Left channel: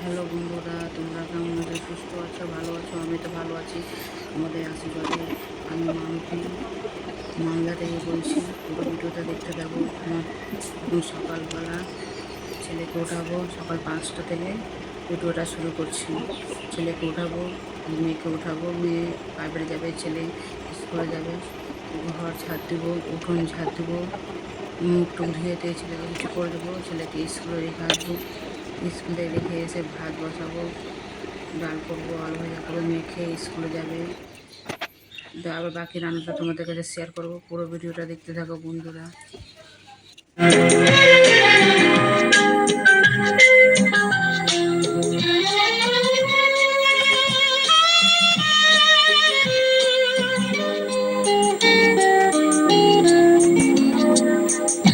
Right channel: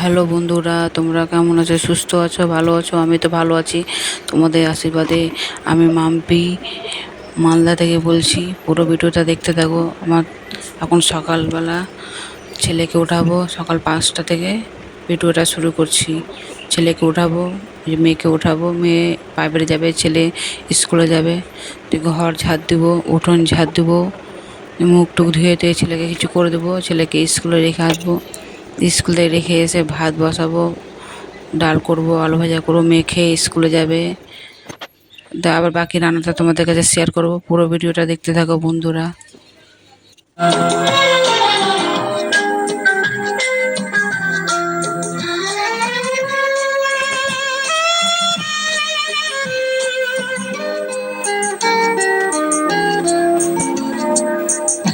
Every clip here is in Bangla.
হ্যালো বন্ধুরা, তোমরা কেমন আছো? সুস্থ আছো? ভালো আছো? আমি তো ভালো আছি তোমাদের আশীর্বাদে। আমি মাম্পি মালদা থেকে বলছি। পুরো ভিডিওটা দেখতে থাকো। আমার এখন সকালবেলা ছেলেকে উঠাবো, সকাল 5টা থেকে ভিডিওটা শুরু করছি। ছেলেকে উঠাবো, মেয়েকে উঠাবো, মেয়ে প্রাইভেটে যাবে, ছেলে স্কুলে যাবে। ঘর ঝাড় দেবো, উঠোন ঝাড় দেবো, মুখ টুক ধুয়ে টুয়ে ছেলেকে কিছু করে দেবো, ছেলেকে স্কুলে রেখে আসবো। স্কুলে রেখে এসে ভাত বসাবো, ডাল করব, আলু ভাজা করবো, মেয়ে খেয়ে স্কুলে যাবে। আবার বাকি রান্নাটা তোমাদের কাছে শেয়ার করব। পুরো ভিডিওটা দেখতে থাকো বন্ধুরা।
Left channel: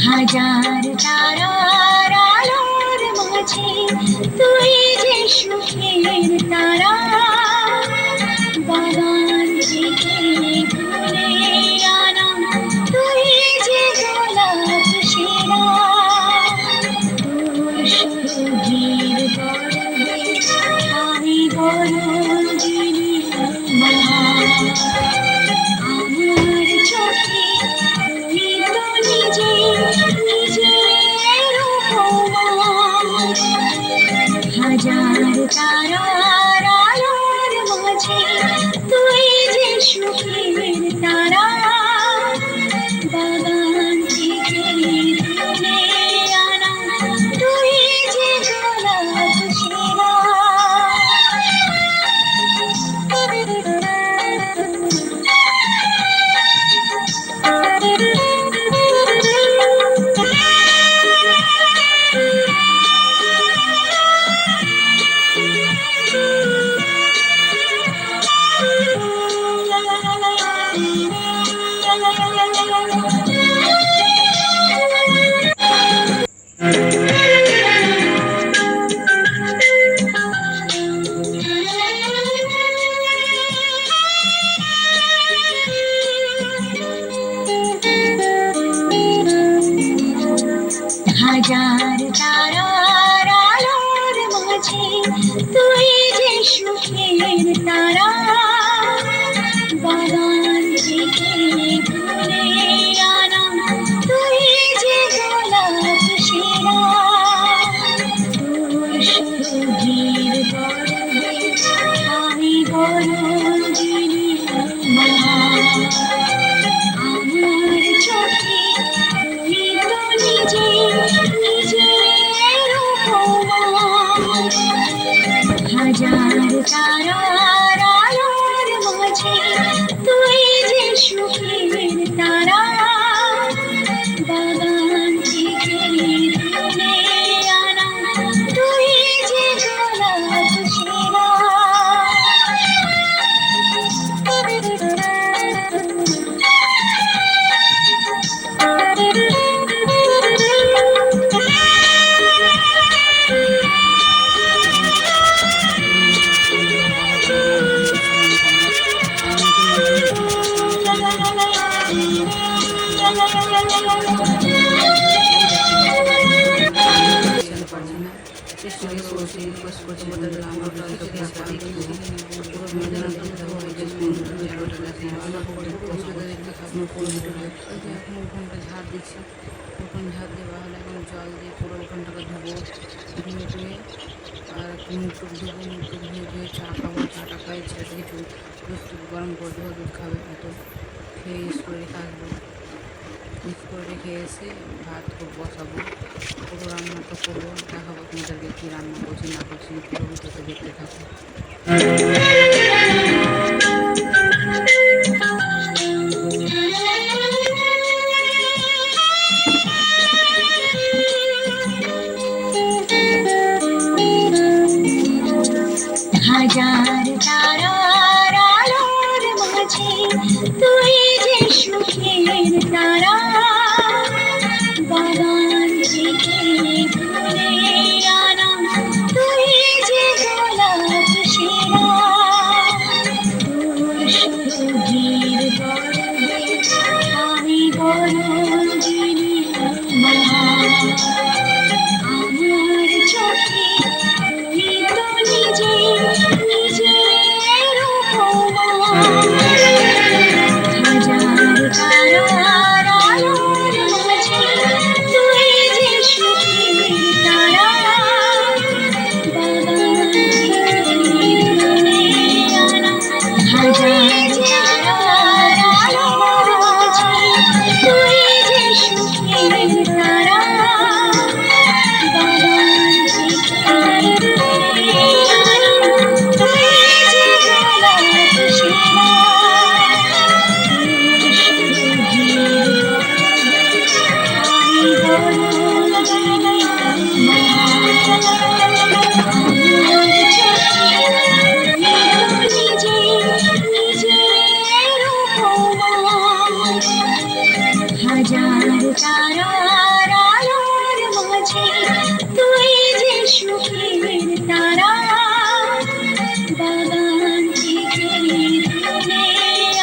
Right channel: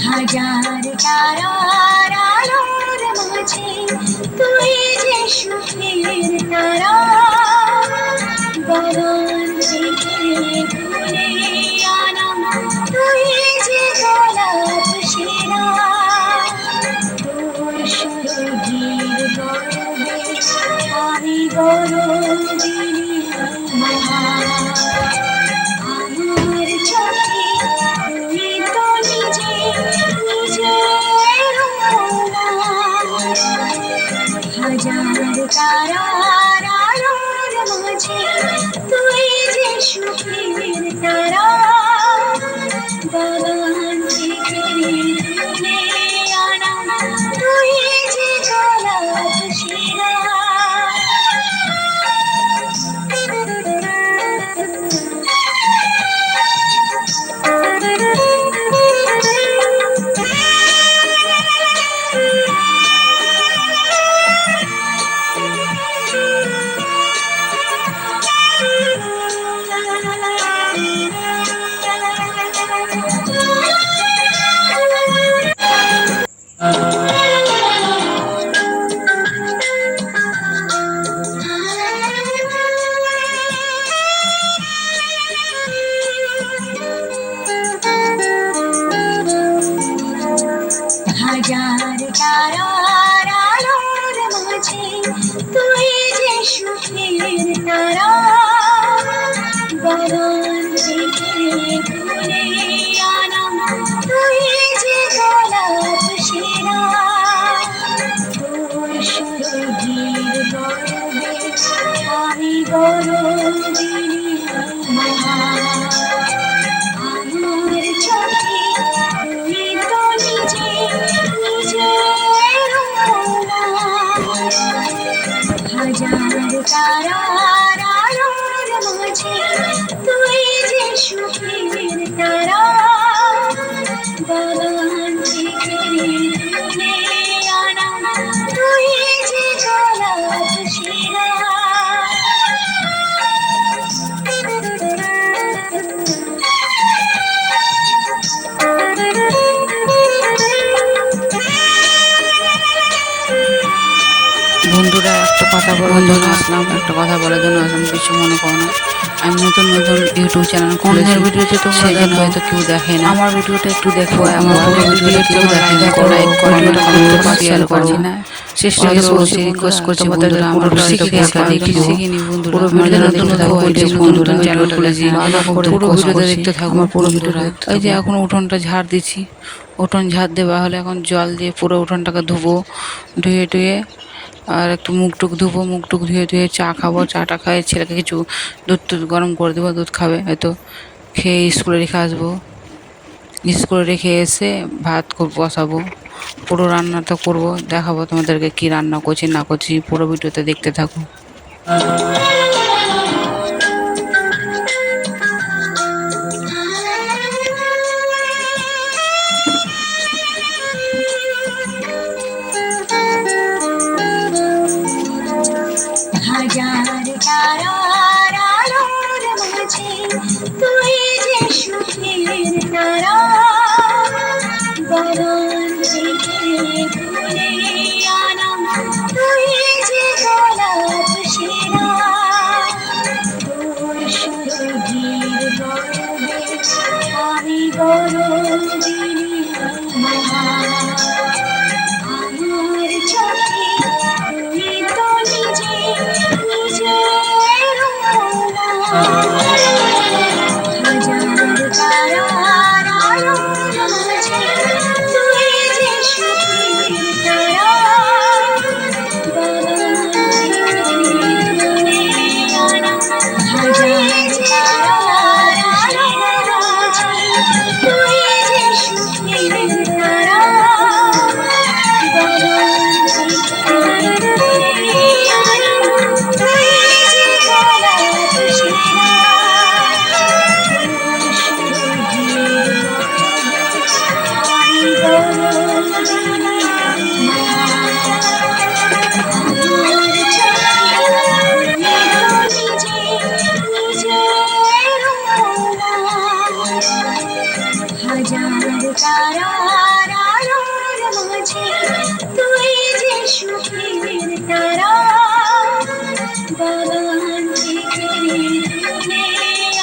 হাজার তারার আলোর মাঝে তুই যে সুখের তারা, বাগান থেকে তুলে আনা তুই যে গোলাপ সেরা, তোর সুরভির গরবে আমি গরবিনী আমার চোখে তুই তো নিজে নিজের উপমা। হাজার তারার আলোর মাঝে তুই যে সুখের তারা, বাগান থেকে তুলে আনা তুই যে গোলাপ সেরা। হাজার তারার আলোর মাঝে তুই যে সুখের তারা, বাগান থেকে তুলে আনা তুই যে গোলাপ সেরা, তোর সুরভির গরবে আমি গরবিনী আমার চোখে তুই তো নিজে নিজের উপমা। হাজার তারার আলোর মাঝে তুই যে সুখের তারা, বাগান থেকে তুলে আনা তুই যে গোলাপ সেরা। বন্ধুরা, একটা কথা বলার জন্য আসলাম, কিছু মনে করো না। আমি নতুন নতুন ইউটিউব চ্যানেল খুলেছি। ভিডিওতে তো সেজন্য হয়তো কেউ দেখে না। আমার ভিডিওটা একটু দেখো, আমার ভিডিওটা কেউ দেখে না, লাইক কমেন্ট শেয়ার করছি না। চেষ্টা করছি, রিকোয়েস্ট করছি বন্ধুরা, আমার ভিডিওটা শিখিনি বন্ধুরা। পুরো ভিডিও নতুন বন্ধুরা চ্যানেল খুলেছি, পুরো ভিডিওটা দেখতে থাকো। আমার পুরো ভিডিওটা এই যে এখন উঠোনটা ঝাড় দিচ্ছি, উঠোন ঝাড় দেওয়া হলে এখন জল দিয়ে পুরো উঠোনটাকে ধুবো, ধুয়ে টুয়ে আর একটু মুখ টুক ধুবো, মুখ টুক ধুয়ে ধুয়ে চা খাবো, চাটা খাই, ছেলেকে কিছু দুধ টুধ গরম করে দেবো, দুধ খাবে হয়তো, খেয়ে স্কুলে রেখে আসবো। স্কুলে রেখে এসে ভাত বসাবো, পুরো রান্নাটা করবো, দেখাবো তোমাদেরকে কি রান্না করছি না করছি। পুরো ভিডিওতে দেখতে থাকো। হাজার তারার আলোর মাঝে তুই যে সুখের তারা, বাগান থেকে তুলে আনা তুই যে গোলাপ সেরা, তোর সুরভির গরবে আমি গরবিনী আমার চোখে তুই তো তারা বাগান থেকে তুলে আনা তুই যে গোলাপ সেরা তোর সুরভির পরবে আমি গরজিনী হাজার তারার আলোর মাঝে তুই যে সুখের তারা বাগান থেকে তুলে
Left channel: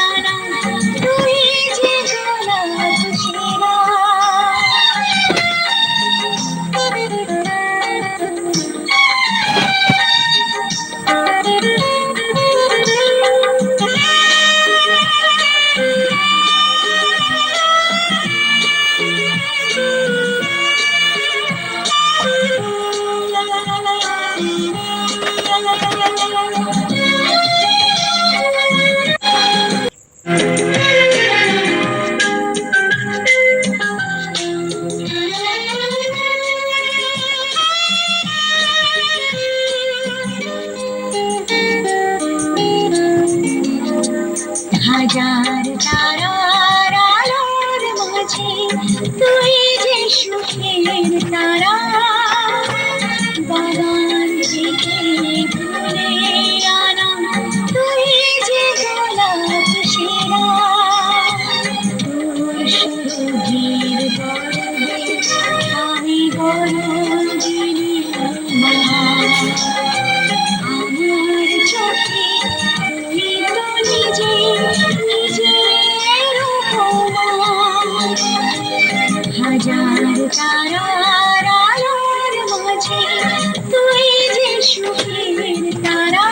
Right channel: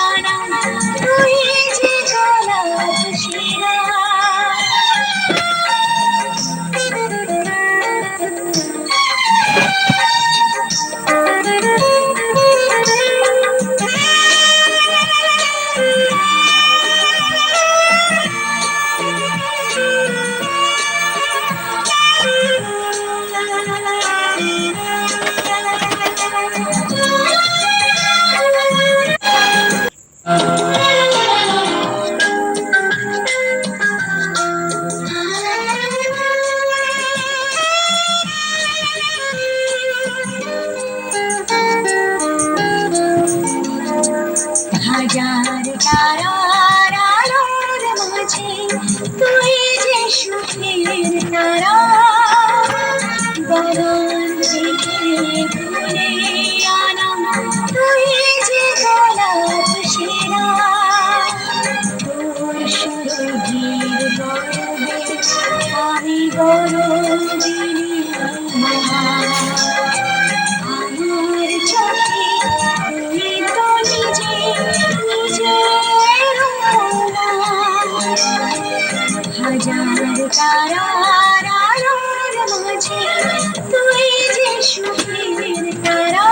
আনা তুই যে গোলাপ সেরা হাজার তারার আলোর মাঝে তুই যে সুখের তারা বাগান থেকে তুলে আনা তুই যে গোলাপ সেরা তোর সুরভির পরবে আমি গরজিনী আমার চোখে তুই তো নিজে নিজের উপমা হাজার তারার আলোর মাঝে তুই যে সুখের তারা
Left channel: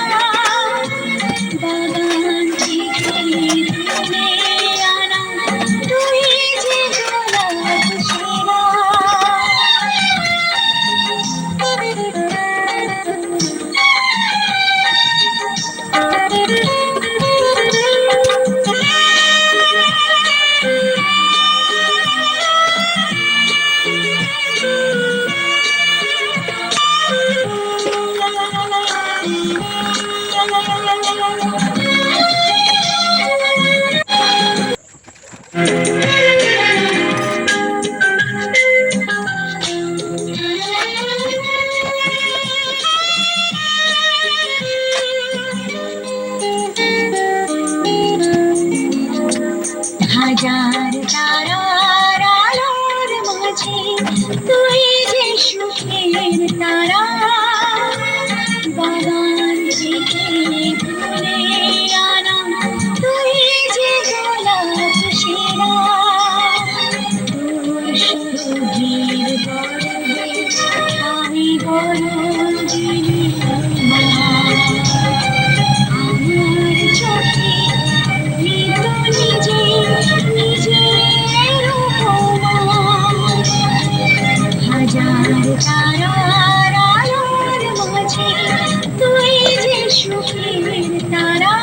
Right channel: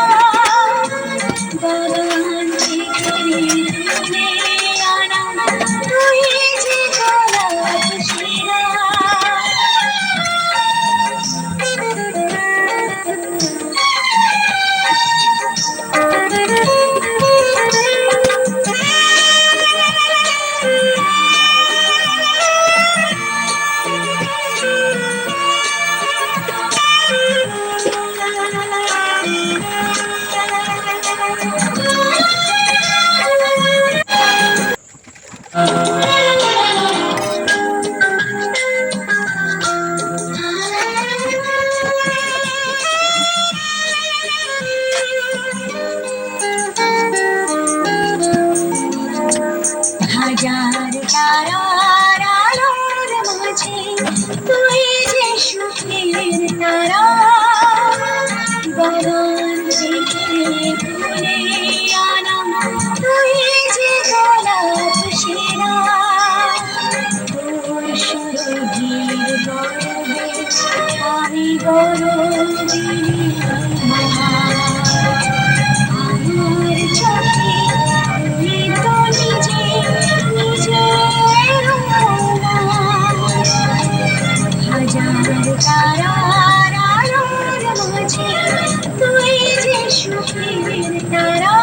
বাগান থেকে তুলে আনা তুই যে গোলাপ সেরা হাজার তারার আলোর মাঝে তুই যে সুখের তারা বাগান থেকে তুলে আনা তুই যে গোলাপ সেরা তোর সুরভির পরবে আমি গরজিনী আমার চোখে তুই তো নিজে নিজের উপমা হাজার তারার আলোর মাঝে তুই যে সুখের তারা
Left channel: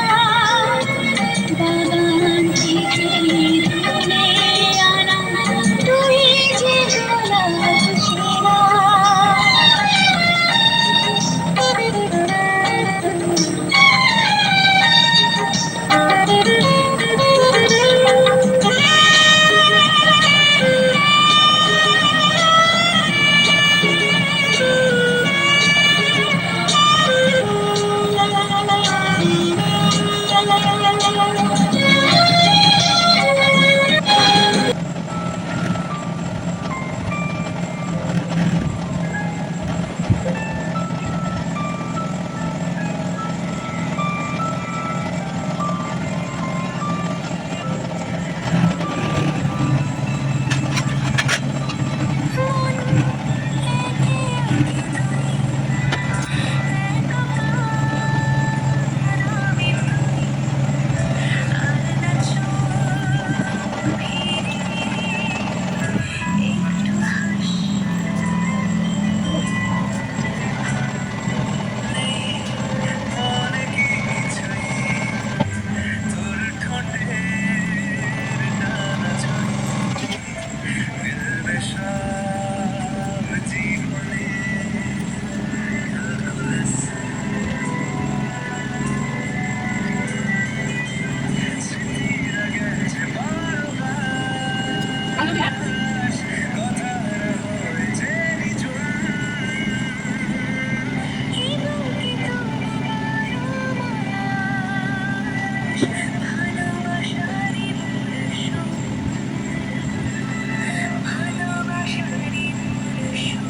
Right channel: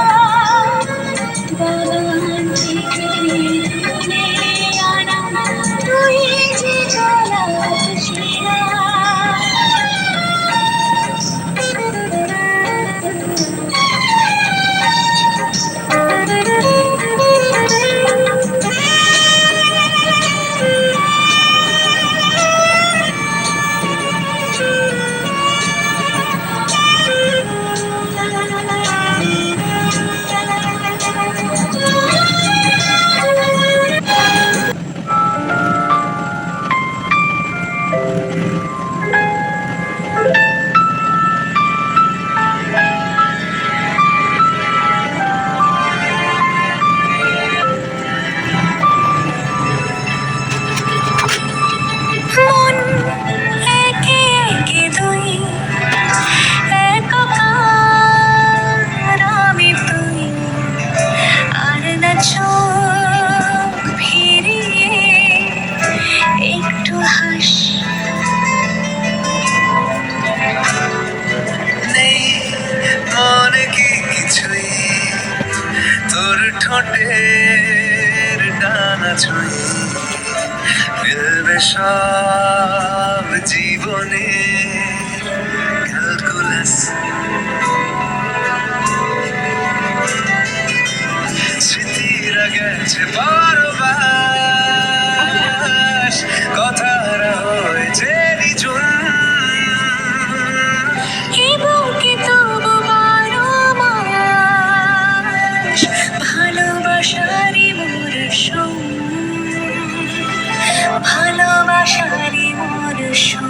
বাগান থেকে তুলে আনা তুই যে গোলাপ সেরা সব জীবনে ক্যালকুলাস, স্মৃতিরা গেছে পরবাস, কথারা হয়েছে নিঝুম। এ বুকে তবু বারো মাস ভালোবাসারই মরশুম, ভালোবাসারই মরশুম।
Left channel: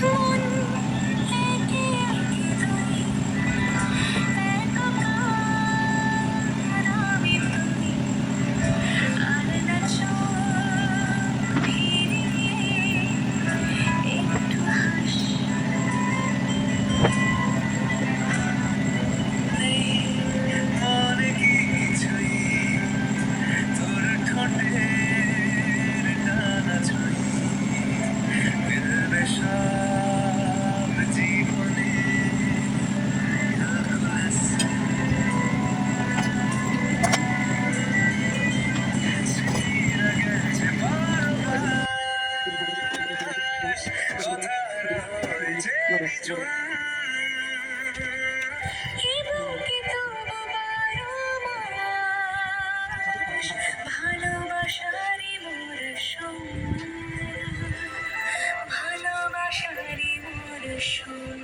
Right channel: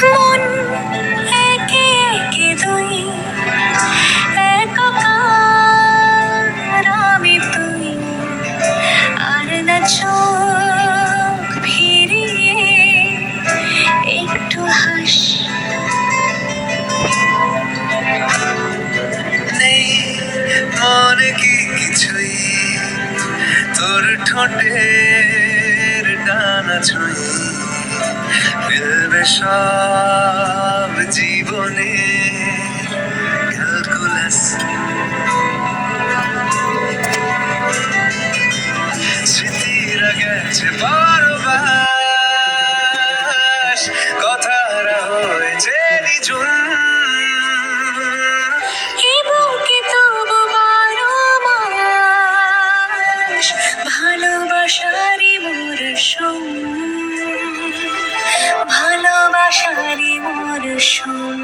মন একে একে দুই, একাকার আমি তুই, আর না চোখ ফিরিয়ে একটু হাস। নেই মনে কি কিছুই, তোর ঠোঁটের ডানা ছুঁই, মিলবে সব জীবনে ক্যালকুলাস, স্মৃতিরা গেছে পরবাস, কথারা হয়েছে নিঝুম। এ বুকে তবু বারো মাস ভালোবাসারই মরশুম, ভালোবাসারই মরশুম।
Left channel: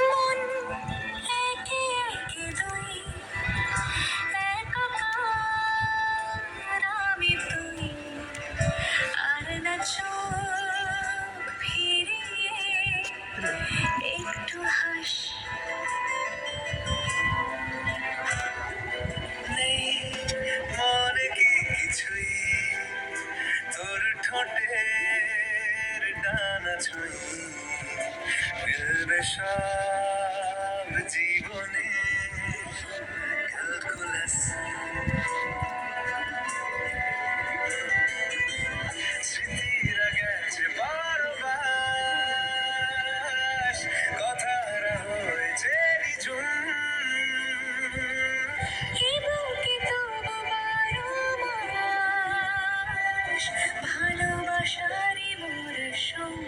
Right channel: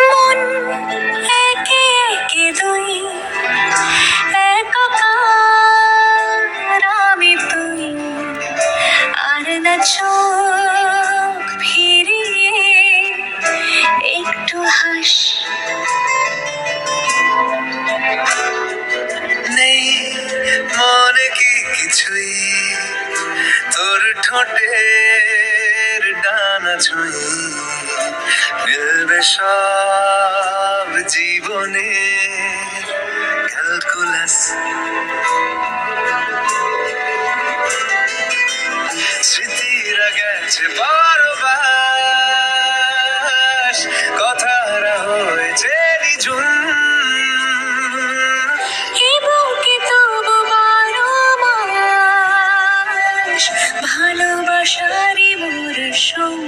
মন একে একে দুই একাকার আমি তুই আর না চোখ ফিরিয়ে একটু হাস নেই মনে কি কিছুই তোর ঠোঁটের ডানা ছুঁই মিলবে সব জীবনে ক্যালকুলাস স্মৃতিরা গেছে বারবার কথারা হয়েছে নিঝুম এ বুকে তবু বারো মাস ভালোবাসারই মরশুম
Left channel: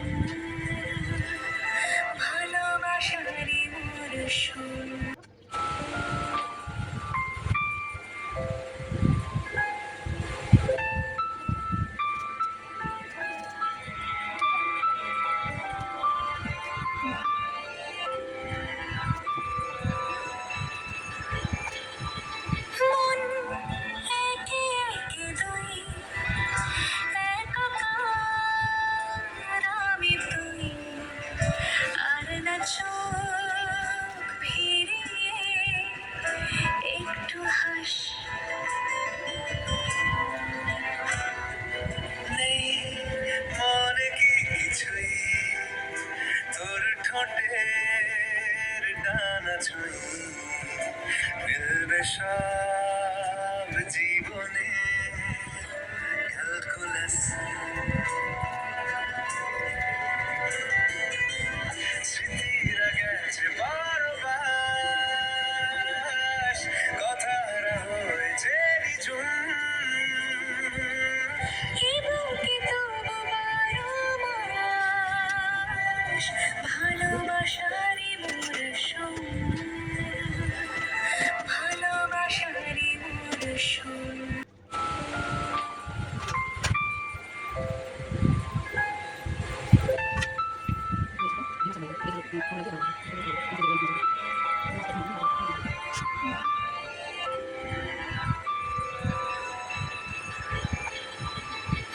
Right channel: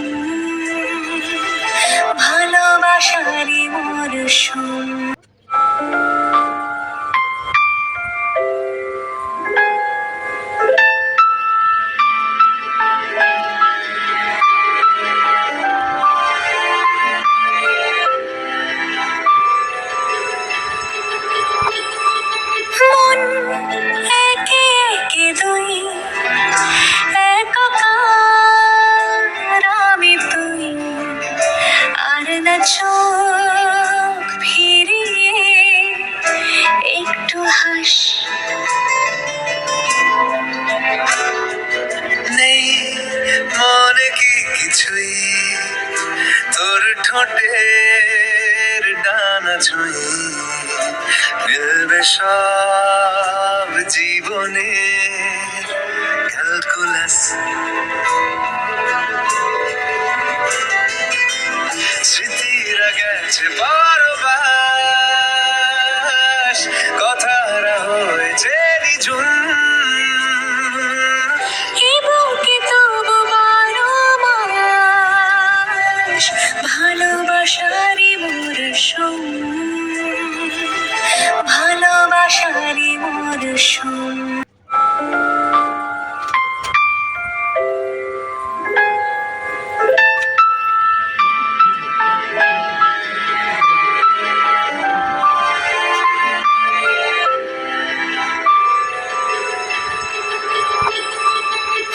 ভালোবাসারই মরশুম মন একে একে দুই একাকার আমি তুই আর না চোখ ফিরিয়ে একটু হাস নেই মনে কি কিছুই তোর ঠোঁটের ডানা ছুঁই মিলবে সব জীবনে ক্যালকুলাস স্মৃতিরা গেছে বারবার কথারা হয়েছে নিঝুম এ বুকে তবু বারো মাস ভালোবাসারই মরশুম ভালোবাসারই মরশুম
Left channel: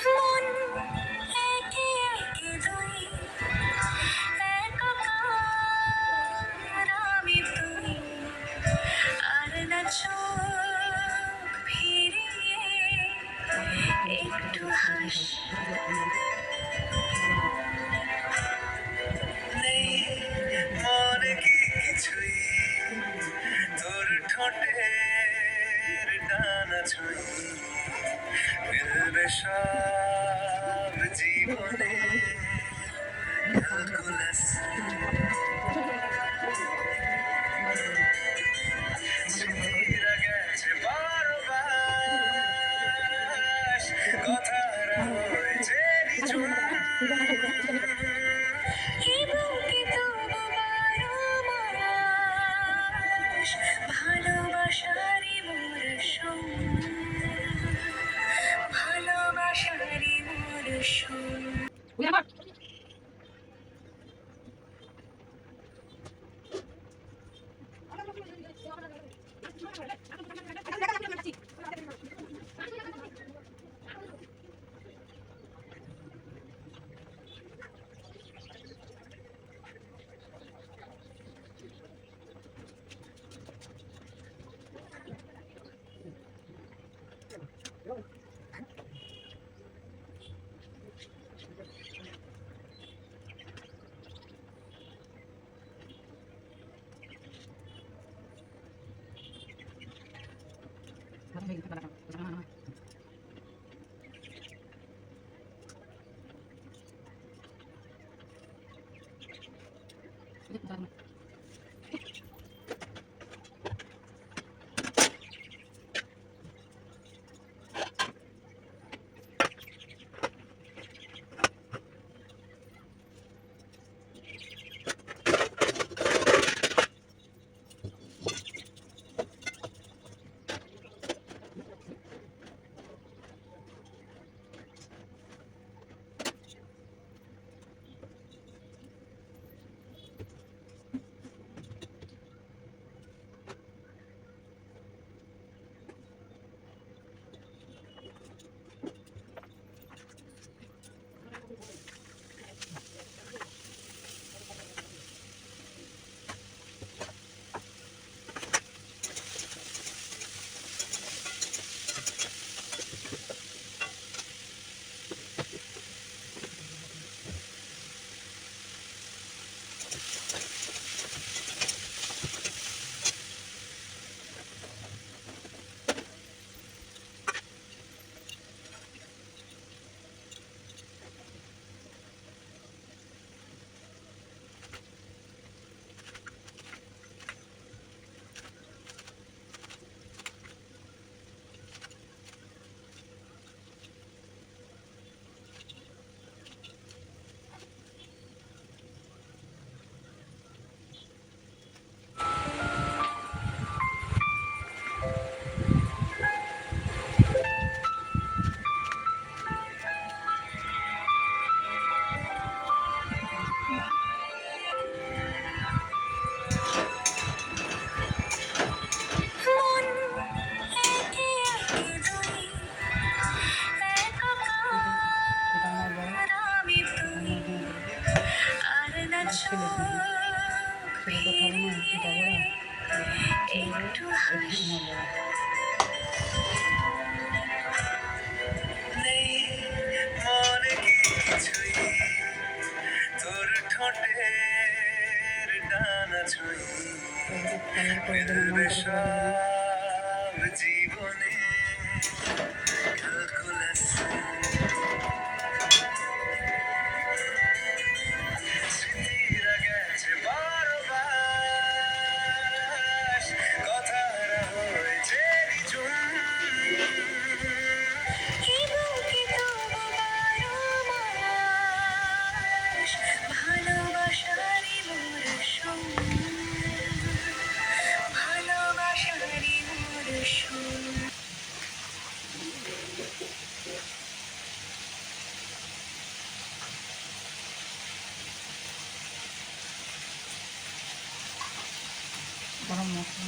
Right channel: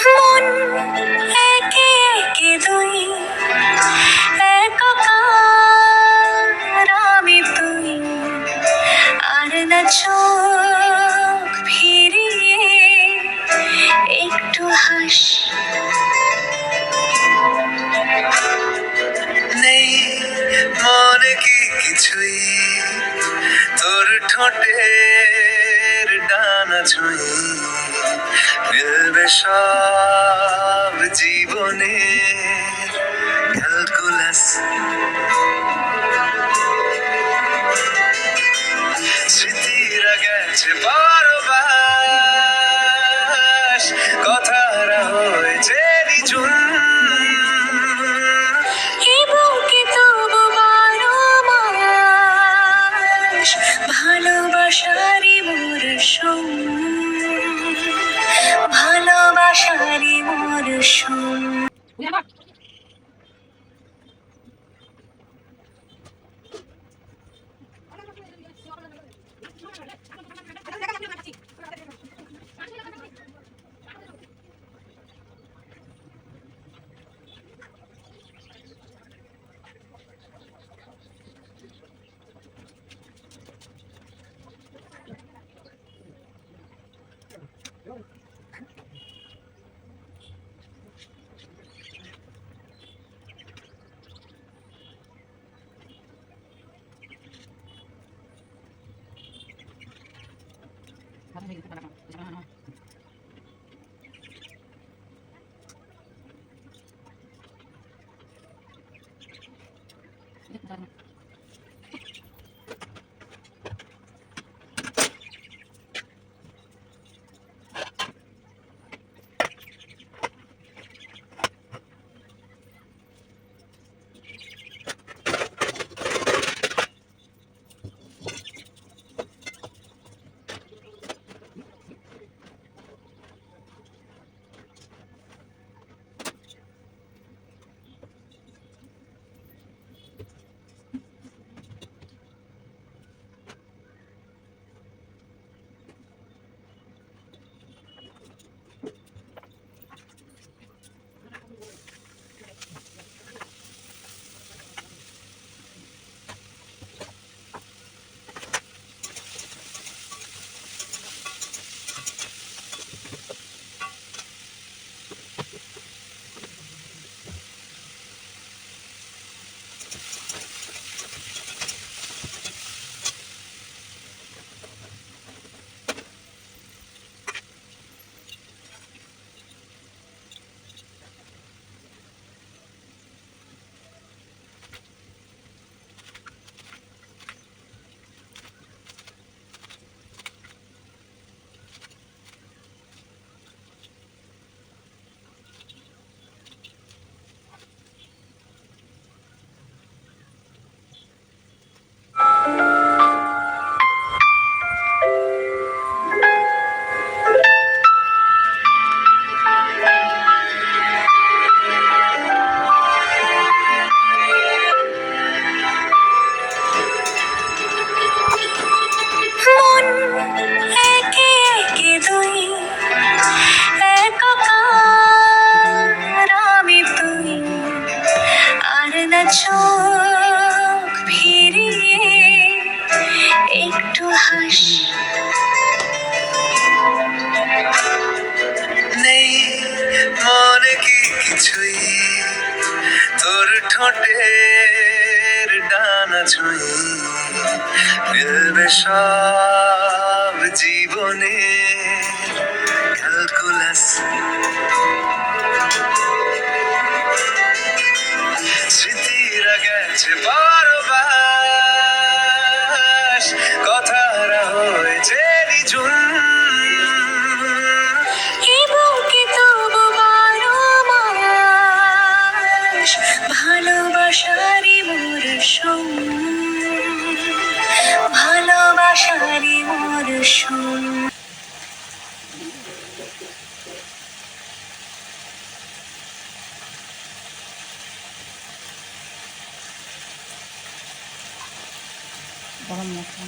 মন একে একে দুই একাকার আমি তুই আর না চোখ ফিরিয়ে একটু হাস নেই মনে কি কিছুই তোর ঠোঁটের ডানা ছুঁই মিলবে সব জীবনে ক্যালকুলাস স্মৃতিরা গেছে বারবার কথারা হয়েছে নিঝুম এ বুকে শুন। মন একে একে দুই, একাকার আমি তুই, আর না চোখ ফিরিয়ে একটু হাস। নেই মনে কি কিছুই, তোর ঠোঁটের ডানা ছুঁই ফেলবে সব জীবনে ক্যালকুলাস। স্মৃতিরা গেছে বারবার, কথারা হয়েছে নিঝুম। এই বুকে তবু বারো মাস ভালোবাসারই মরশুম, ভালোবাসারই মরশুম। গরম মশলা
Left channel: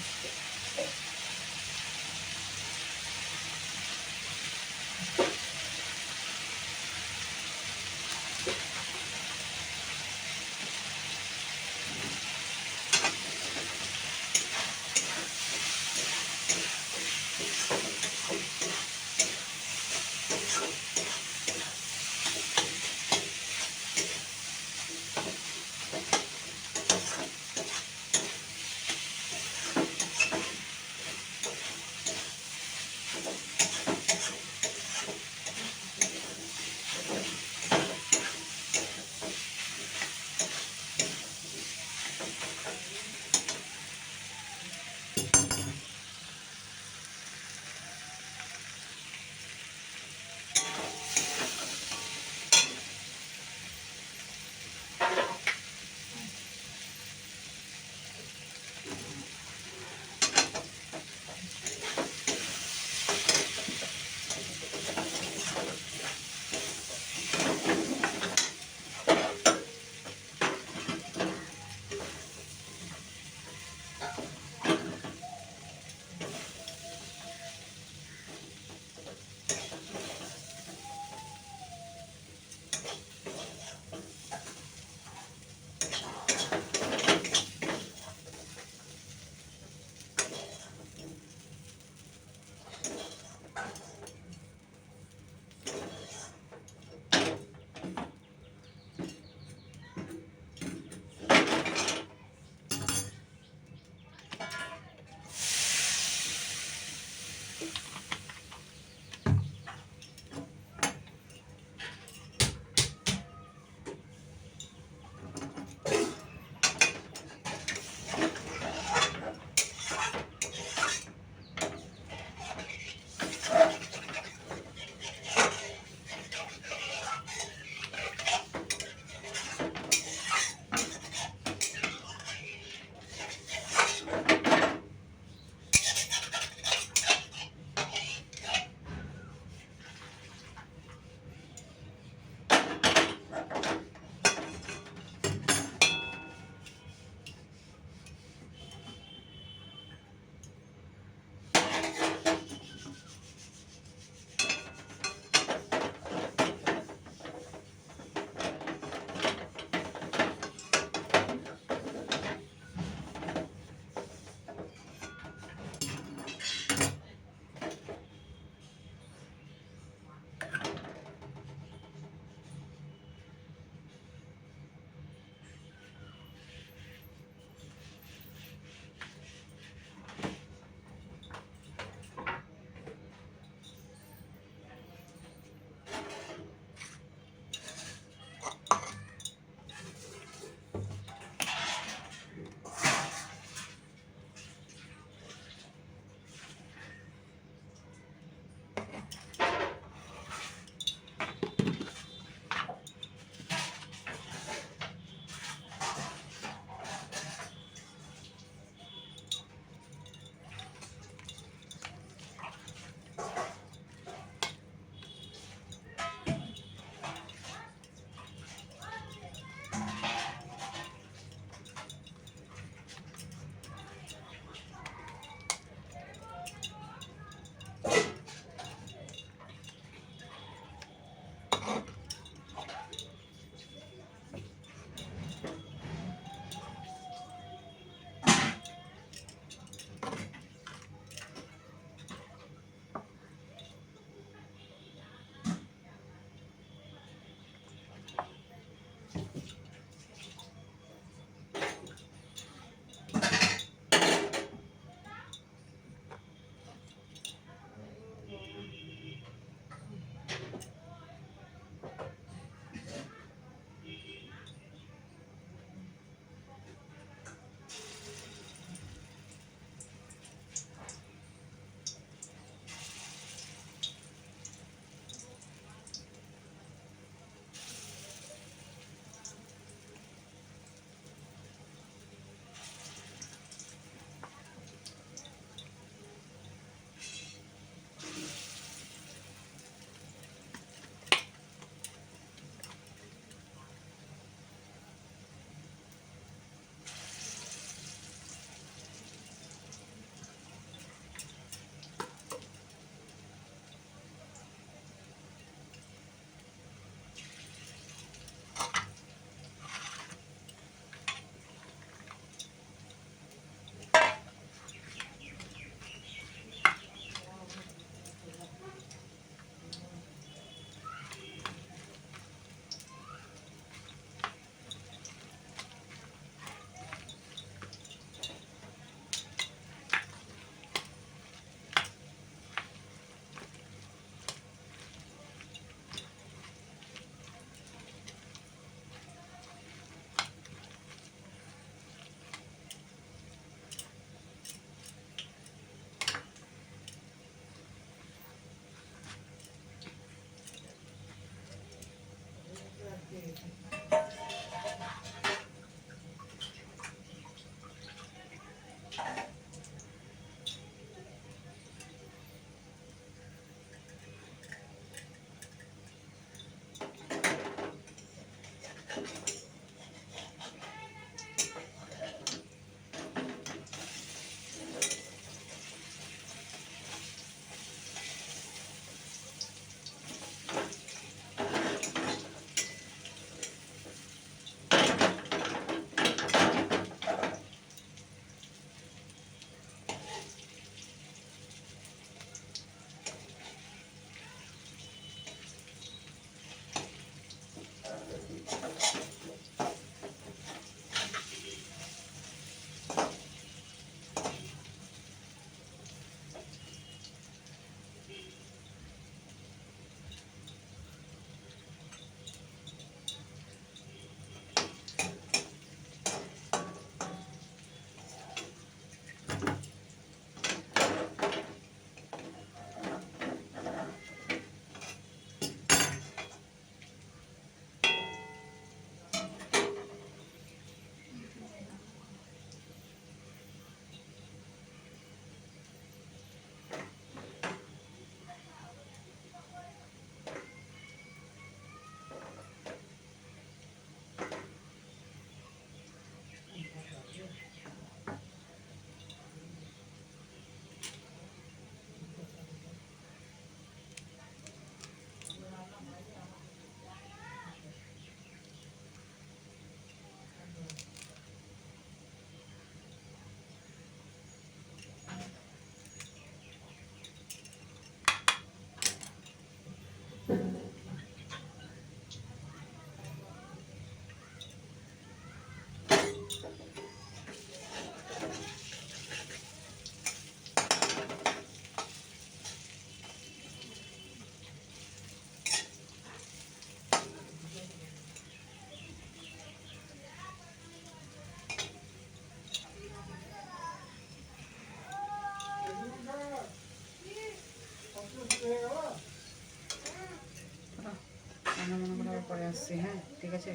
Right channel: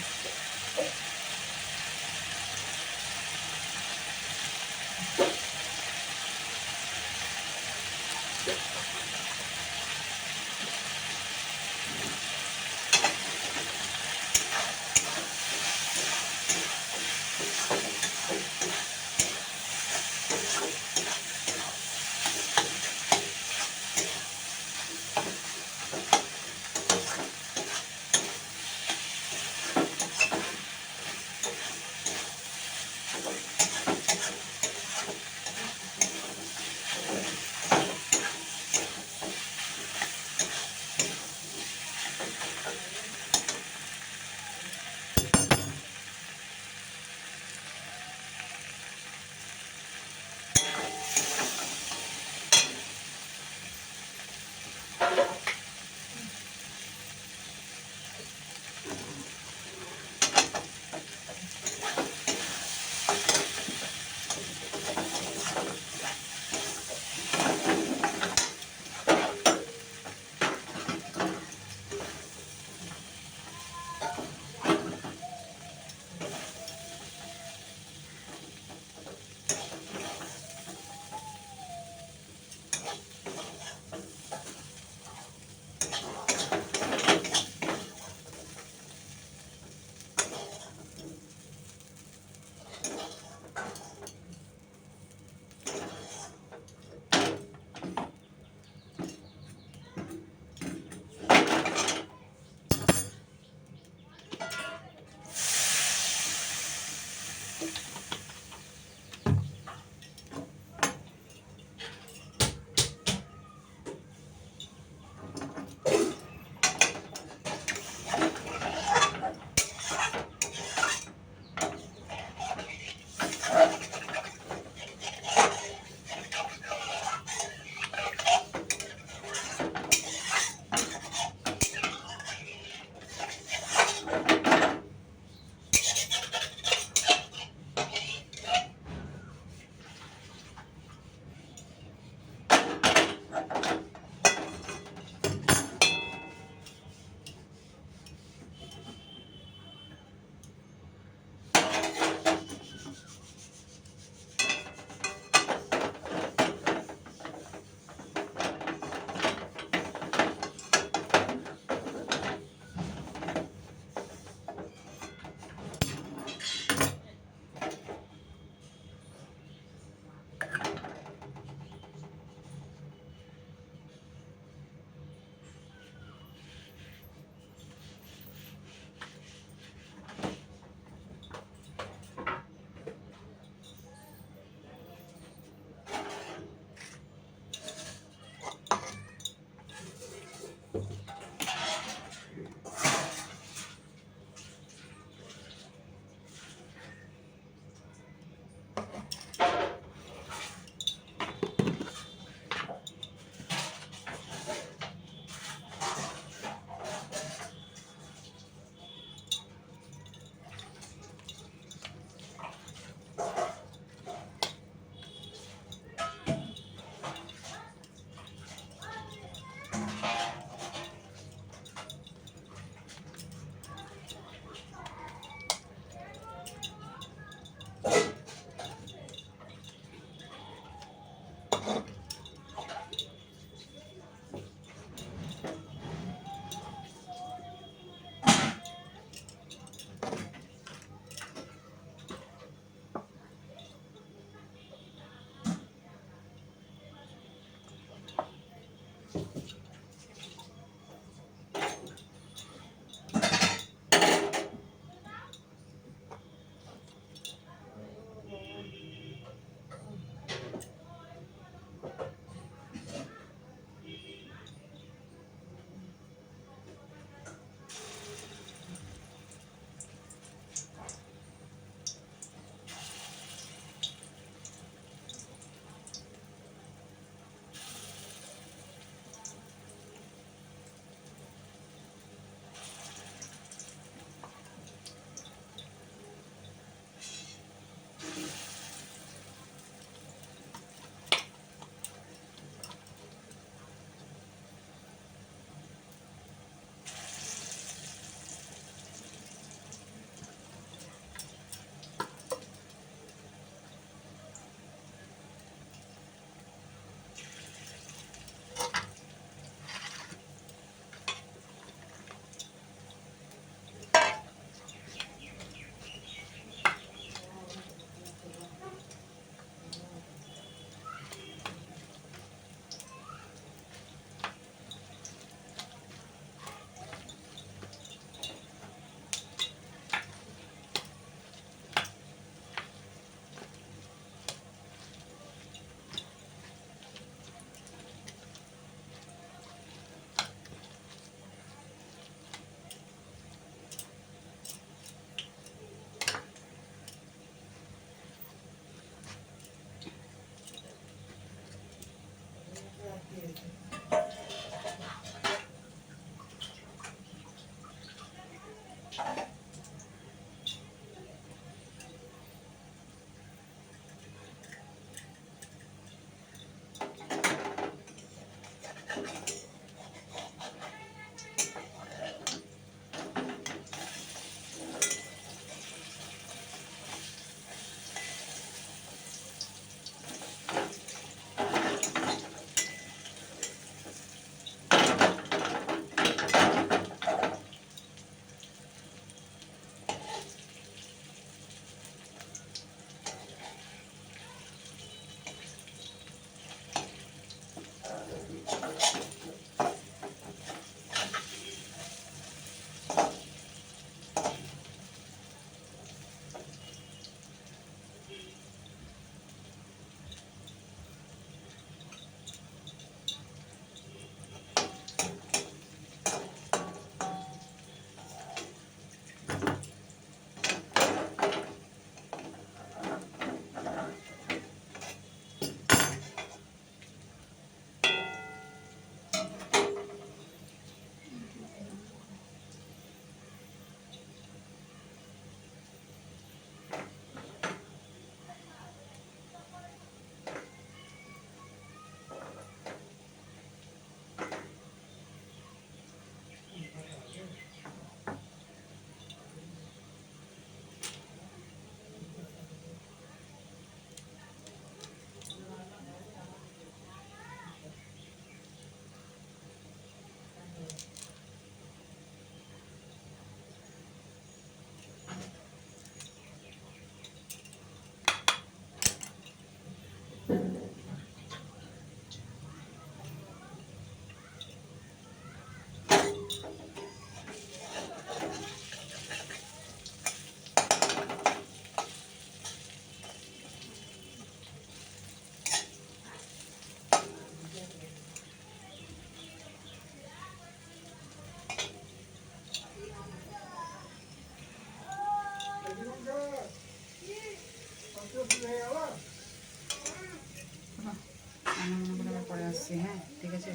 রান্না মনে করে আবার পরে আসছি। হ্যাঁ ঠিক আছে।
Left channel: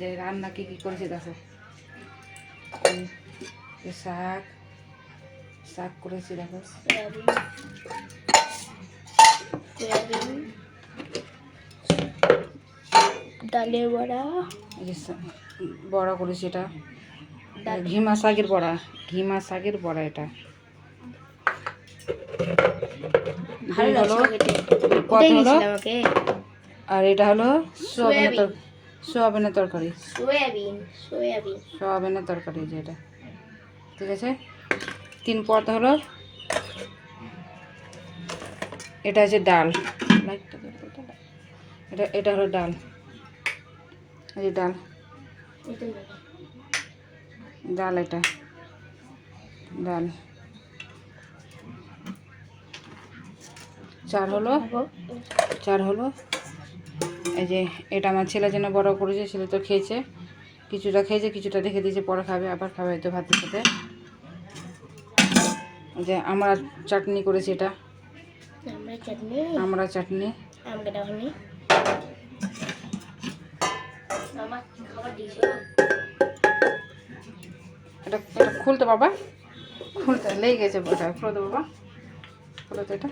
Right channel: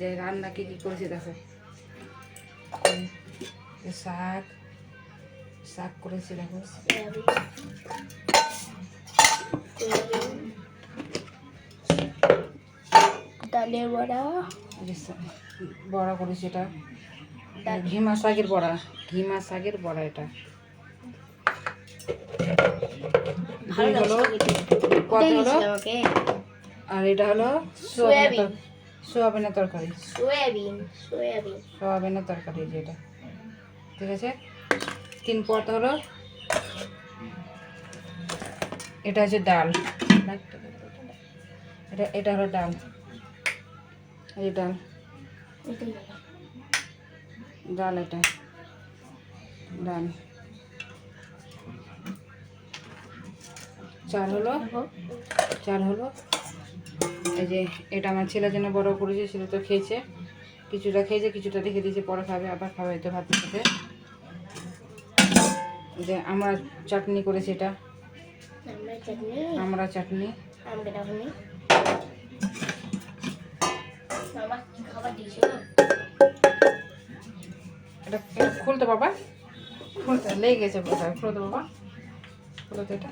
যে রান্না কী কী করেছি দেখো, শাক শাক করেছি দেখো, ডালের বড়া, বড়া করেছি, এটা ঘিমা শাকের বড়া, ঘিমা শাকের বড়া এটা। ভালো লাগছে আমাকে। আর এটা হলো সোয়াবিনের তরকারি, সোয়াবিনের তরকারি যেটা, ঠিক আছে। 3 পদ হলো, এটা হচ্ছে ডাল, এটা হলো ডাল, এই ডাল ডাল, এটা ডাল। 4 হলো এই যে এটা আমার ছেলের জন্য বড় করেছে, ছেলে তো খেয়েছে, কিছুটা খেয়েছে, কিছুটা রেখে দিয়েছে, পরে খাবে, আবার খাবে হয়তো ভাতের সাথে। যে আমরা চাটনি করেছি, এটা আমরা চাটনি। এটা খুলতে বাবা, খুলতে লেগে গেছে, খুলে দেবো বাবা, খুলে তো এটা।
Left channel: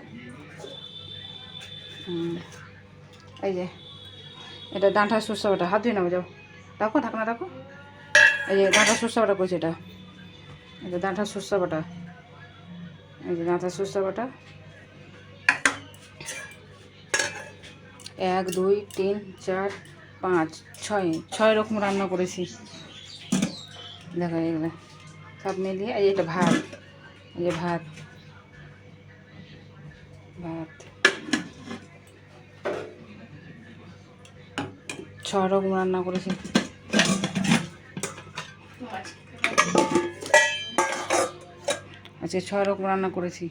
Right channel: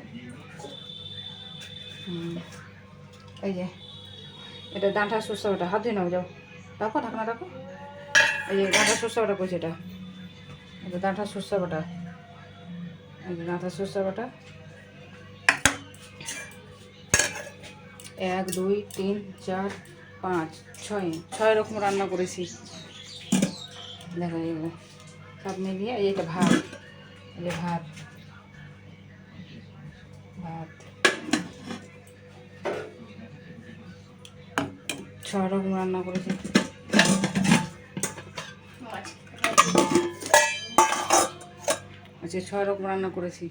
এই যে এটা ডাঁটা সরষে বাটা, হাত ধুয়ে নাও, যাও রাখো, ঢাকনা রাখো। এই যে ডাঁটা সরষে বাটা করছি, এটা ডাঁটা সরষে বাটা, এই যে ডাঁটা সরষে বাটা। 1 2 3 4 5 6 রকম রান্না করেছি দেখো, এগুলো সব মিলিয়ে। এই যে এটা ভাত, এই যে ভাত 6 রকম রান্না করেছি। আচ্ছা 6 রকম রান্না করেছি,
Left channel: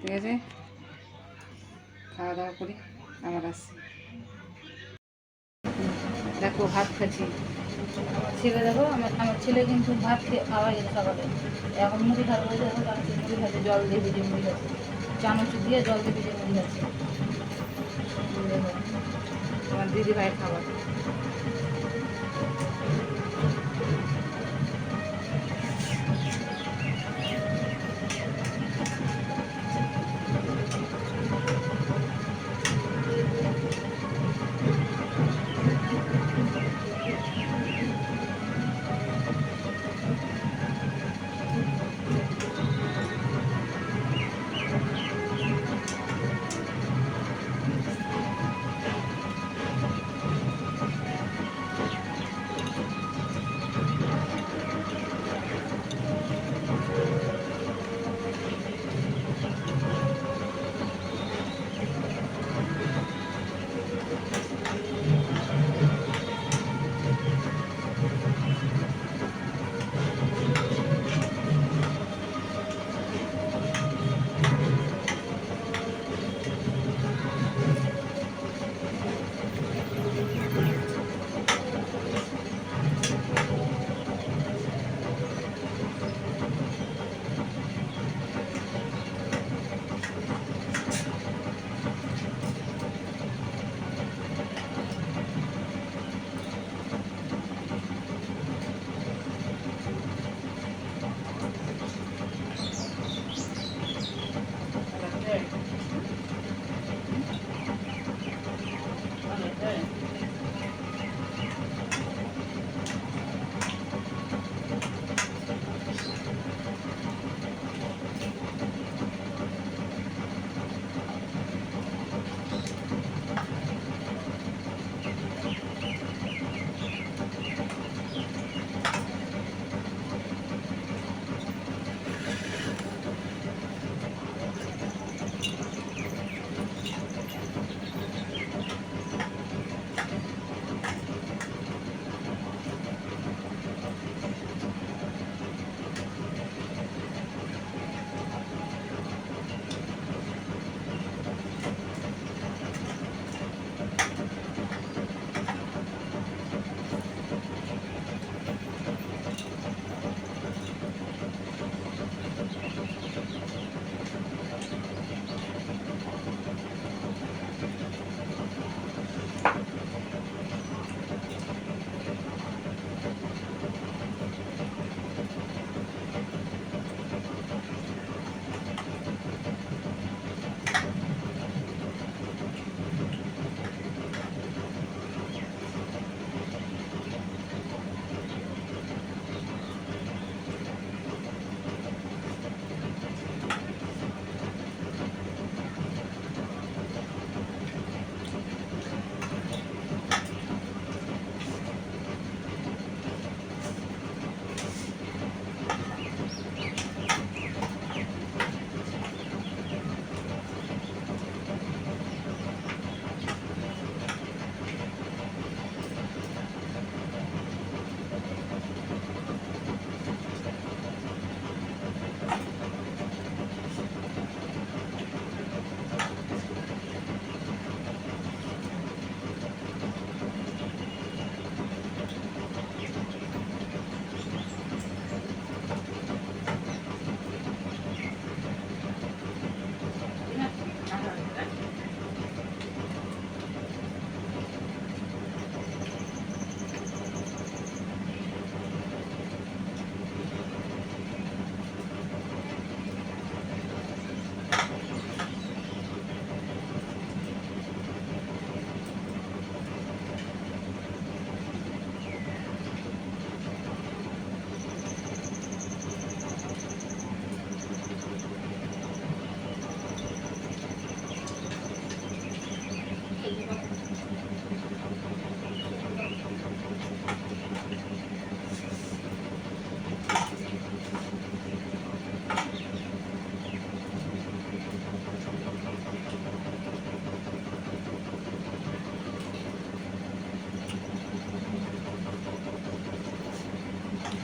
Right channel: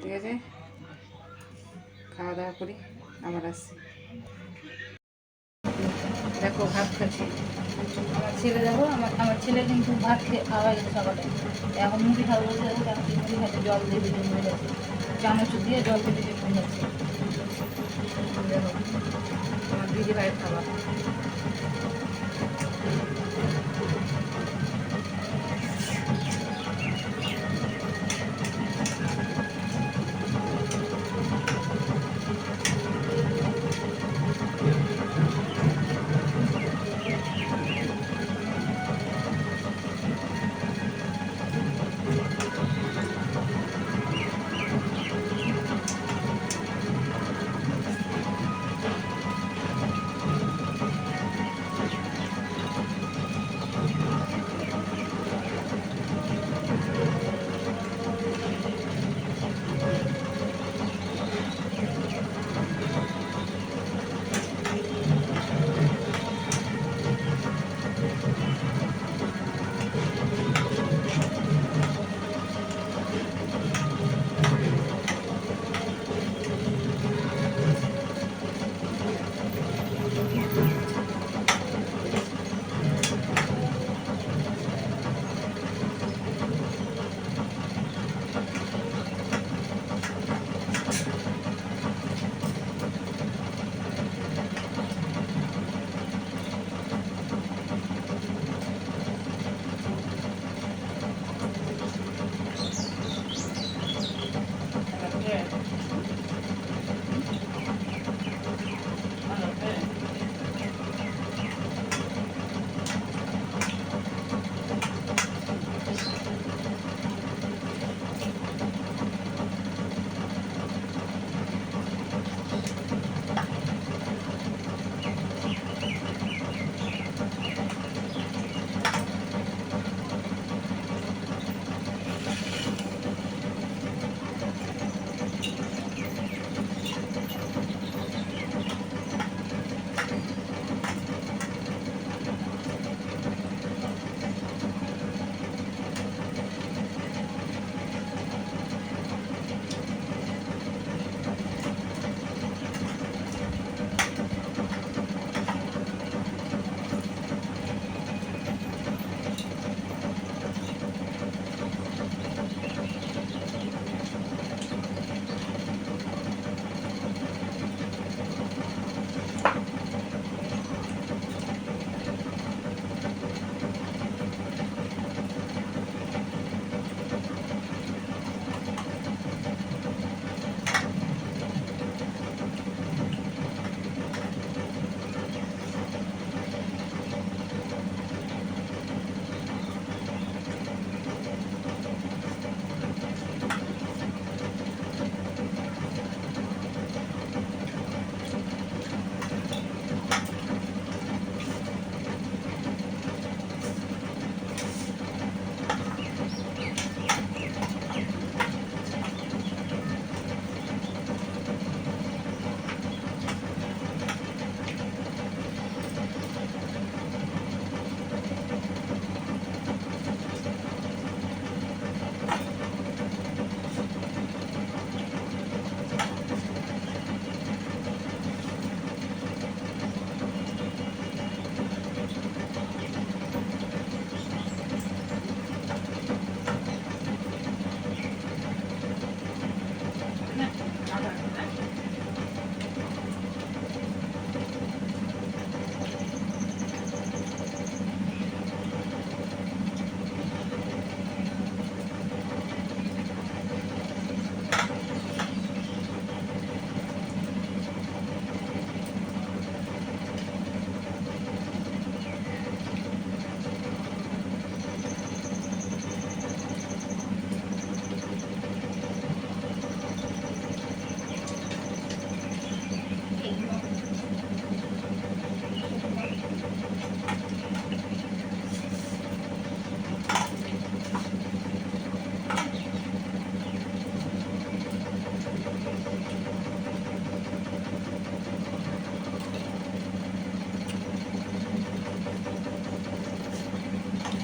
ঠিক আছে। খাওয়া দাওয়া করি, আবার আসছি। দেখো ভাত খাচ্ছি, আমার ছেলে দেখো, আমার ছেলে কিন্তু ভাত খেয়ে খাওয়া গেছে সকালে, এখন মুড়ি খাবে বলতে, দেখো মুড়ি খাচ্ছে, জল দিয়ে ভিজে মুড়ি খাচ্ছে, চামচ দিয়ে জল দিয়ে ভিজে মুড়ি খাচ্ছে। দেখো তোমার দিদি ভাইয়ের খাবার।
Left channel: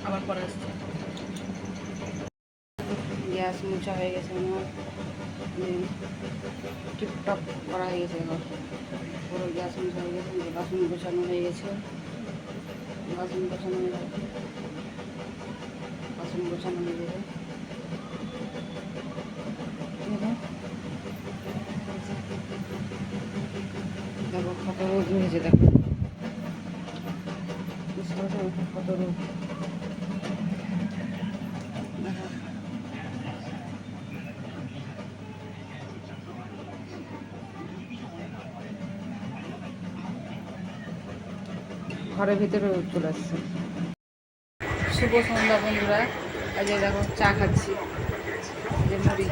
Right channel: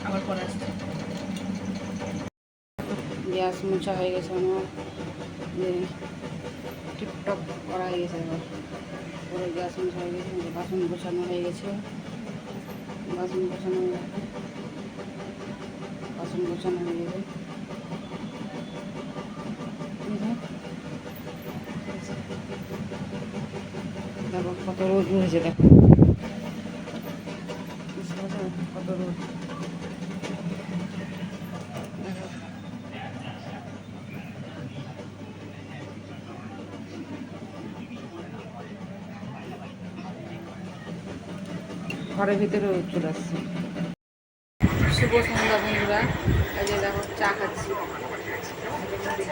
আবার পরে আসছে। গ্যাস মোছা হয়ে গেছে আমার, টিপটপ করা হয়ে গেছে। এবার পুরো গ্যাস মোছা হয়ে গেছে, বাসন গোছানো হয়ে গেছে, বাসন গোছানো হয়ে গেছে, বাসন গোছানো হয়ে গেছে। দেখো কত রোদ উঠেছে, দেখো বুঝতে পারছো কত রোদ। দেখো ঘরের ভিতরে চলে আসছে। শুভ সন্ধ্যা বন্ধুরা, আজ দেখো চা খাচ্ছি, মুড়ি,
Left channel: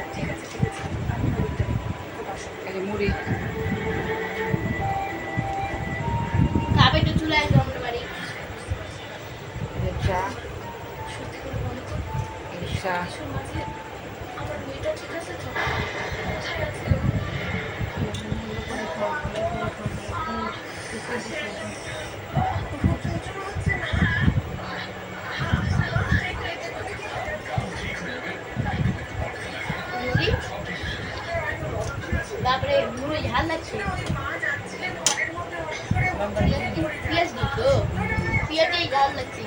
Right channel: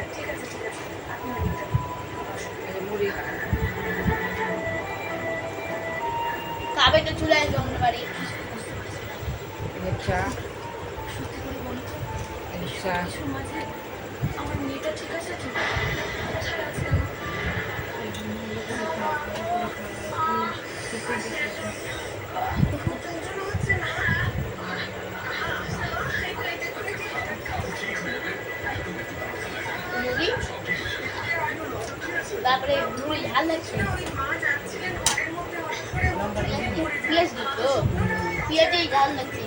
মুড়ি খাবে তো চলে আসবো আমাদের বাড়ি। চা, চা মুড়ি, তারপরে মুড়ি ঝাল লাগছে, পেঁয়াজ দিত, পেঁয়াজেই ঝাল লাগছে।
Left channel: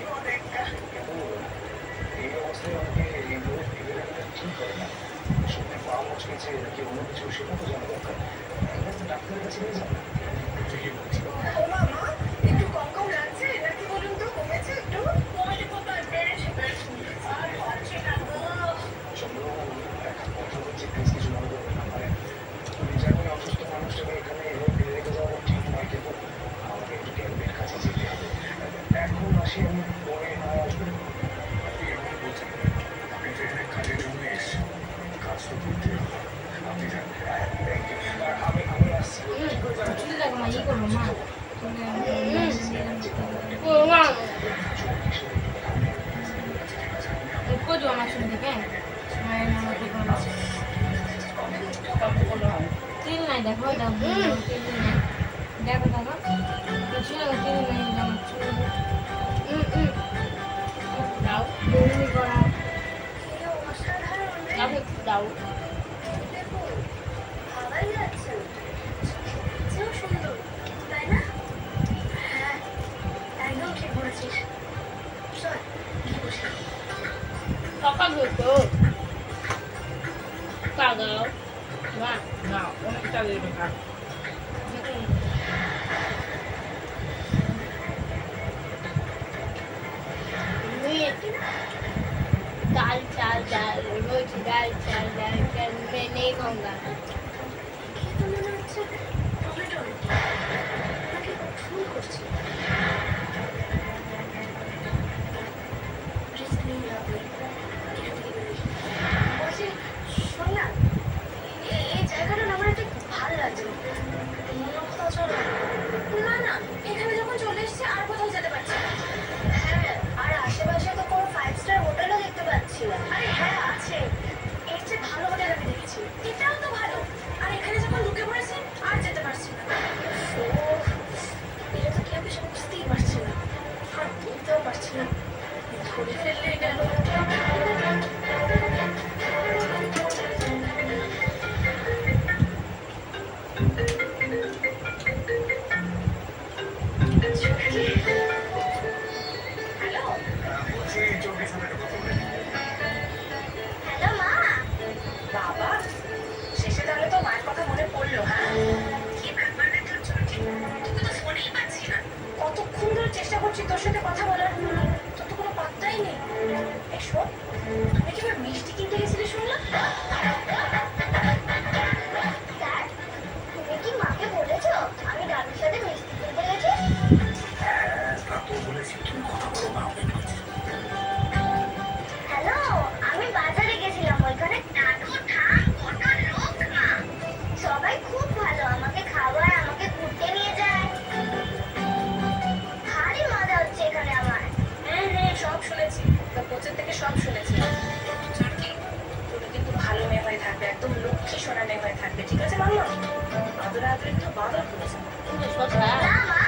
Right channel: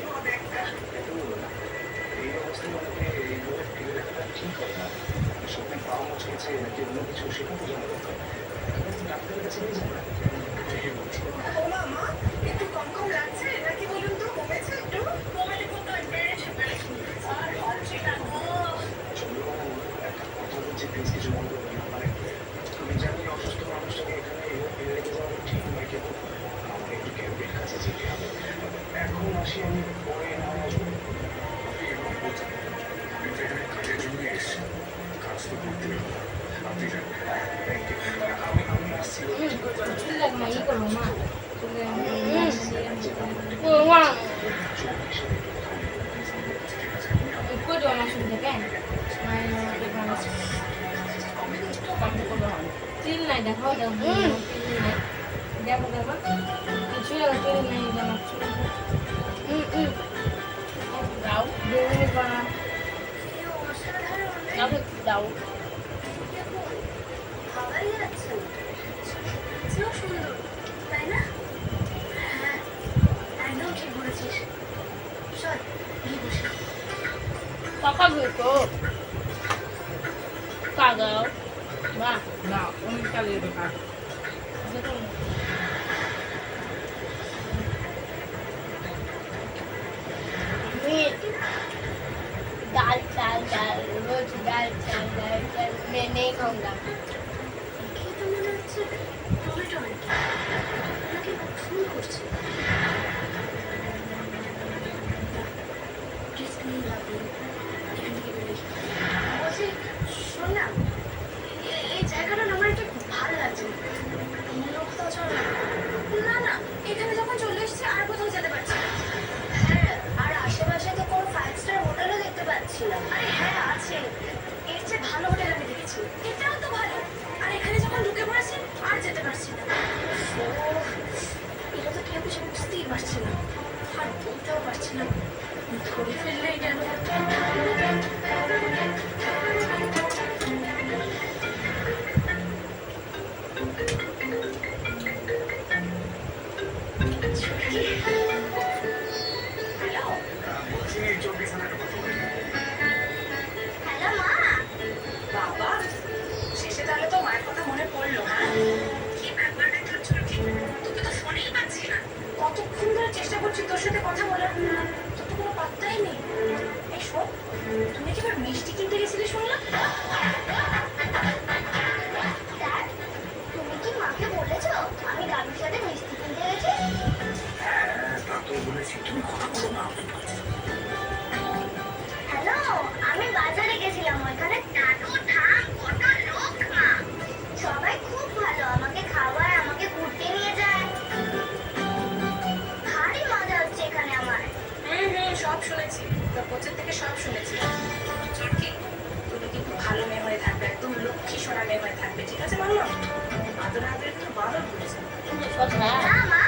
তিল নাই দেখো, দেখো দেখো কিছু তিল নাই জানাচ্ছি। দাও দাও সুন্দর তাই না? হ্যাঁ একদম ঠিক বলেছিস। চল গিয়ে বসি। টাকা দিতো কাগাও না না, অনেক চালিয়ে দেবে খাট। दाल चाल दाल रोज दाल चाल मैं नहीं खाऊंगा। খেতে মনে হচ্ছে টমেটো নাকি ফুল করছে। প্লিজ প্লিজ আপনি এখান থেকে বেরিয়ে বলছি, শোন না, এই জায়গাটা না আমার একটু ভালো লাগছে। অন্য কোথাও চল না। না না, এখানে যখন চলে এসেছি আর কোথাও যেতে পারছি না। হ্যাঁ, আর আশেপাশে তো কোনো 5 স্টার হোটেলও দেখতে পাচ্ছি না। আরে হ্যাঁ আছে, এর চেয়ে ভালো হোটেল আমি দেখেছি। এটাও তো ভালো। আর এখানে যখন ঢুকে পড়েছি আর যেতে পারছি না। এটা তো কেউ কিছু বুঝতেই পারছি না, আর বলতেও পারছি না। ধরে ফেললেই গেল। হ্যালো মা। বাবা, শেষে তাহলে তো মায়ের কথা মনে পড়লো। হ্যাঁ, কি ব্যাপার রে তোর চোখে? তোকে তো ফোনেই পাচ্ছি না। কতক্ষণ ধরে চেষ্টা করছি তোর সাথে কথা বলার, তোর তো কোনো পাত্তাই নেই। এই শোন, তুমি কি এবার মিষ্টি কিনতে গেছিলে শুনলাম? স্যার, তুমি কি মাকে বলেছো আমি দাদুর সাথে মিষ্টি কিনতে গেছি? হ্যালো, আমি বাজারে গেছিলাম, ওইখানে দাদু ঠাম কত লোক মা, সবাই খুব ভালো, আমাকে খাওয়ায়, আমাকে ঘুরতে নিয়ে যায়, ভারী মজা হচ্ছে এখানে আমার। হ্যাঁ হ্যাঁ, সব শুনেছি, তোর কোচের থেকে সব শুনেছি। চুটকি, তুমি কিন্তু ভালো মেয়ে হয়ে থাকবে, একদম লক্ষ্মী সোনা মেয়ে হয়ে থাকবে, ঠিক আছে মামা? আদরে আদরে একটু বাদর করেছে কিন্তু কথা না মা।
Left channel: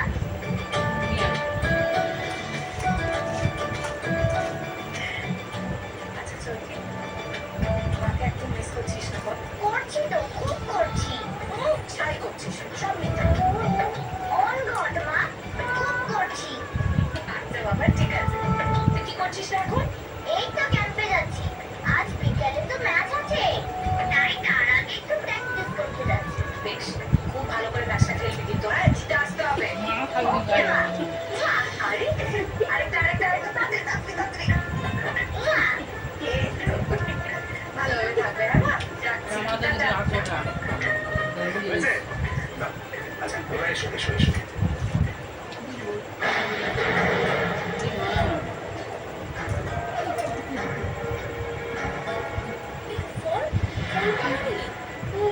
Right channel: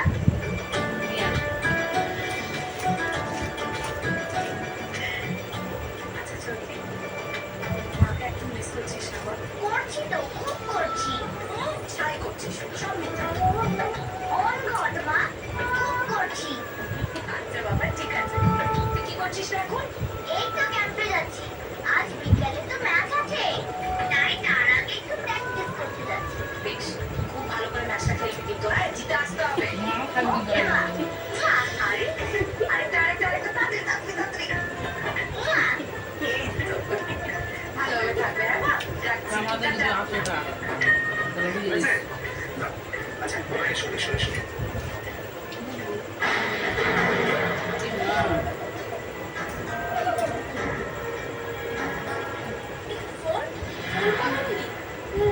না এখন? এই তো ক্যাম্পে যাচ্ছি। আজ বিকেলে তো ম্যাচ আছে, তাই তার আগে একটু প্র্যাকটিস করতে যাচ্ছি। বেশ, খুব ভালো করে ম্যাচটা খেলবি কিন্তু, হ্যাঁ, জিতে আসতে হবে। আরে, আরেকটা, তাড়াতাড়ি, তাড়াতাড়ি। এই তো। ভালোভাবে থাকবে, হ্যাঁ মা? রাখছি, টাটা। আচ্ছা তোরা এসো এসো এসো ফোন পাওনি?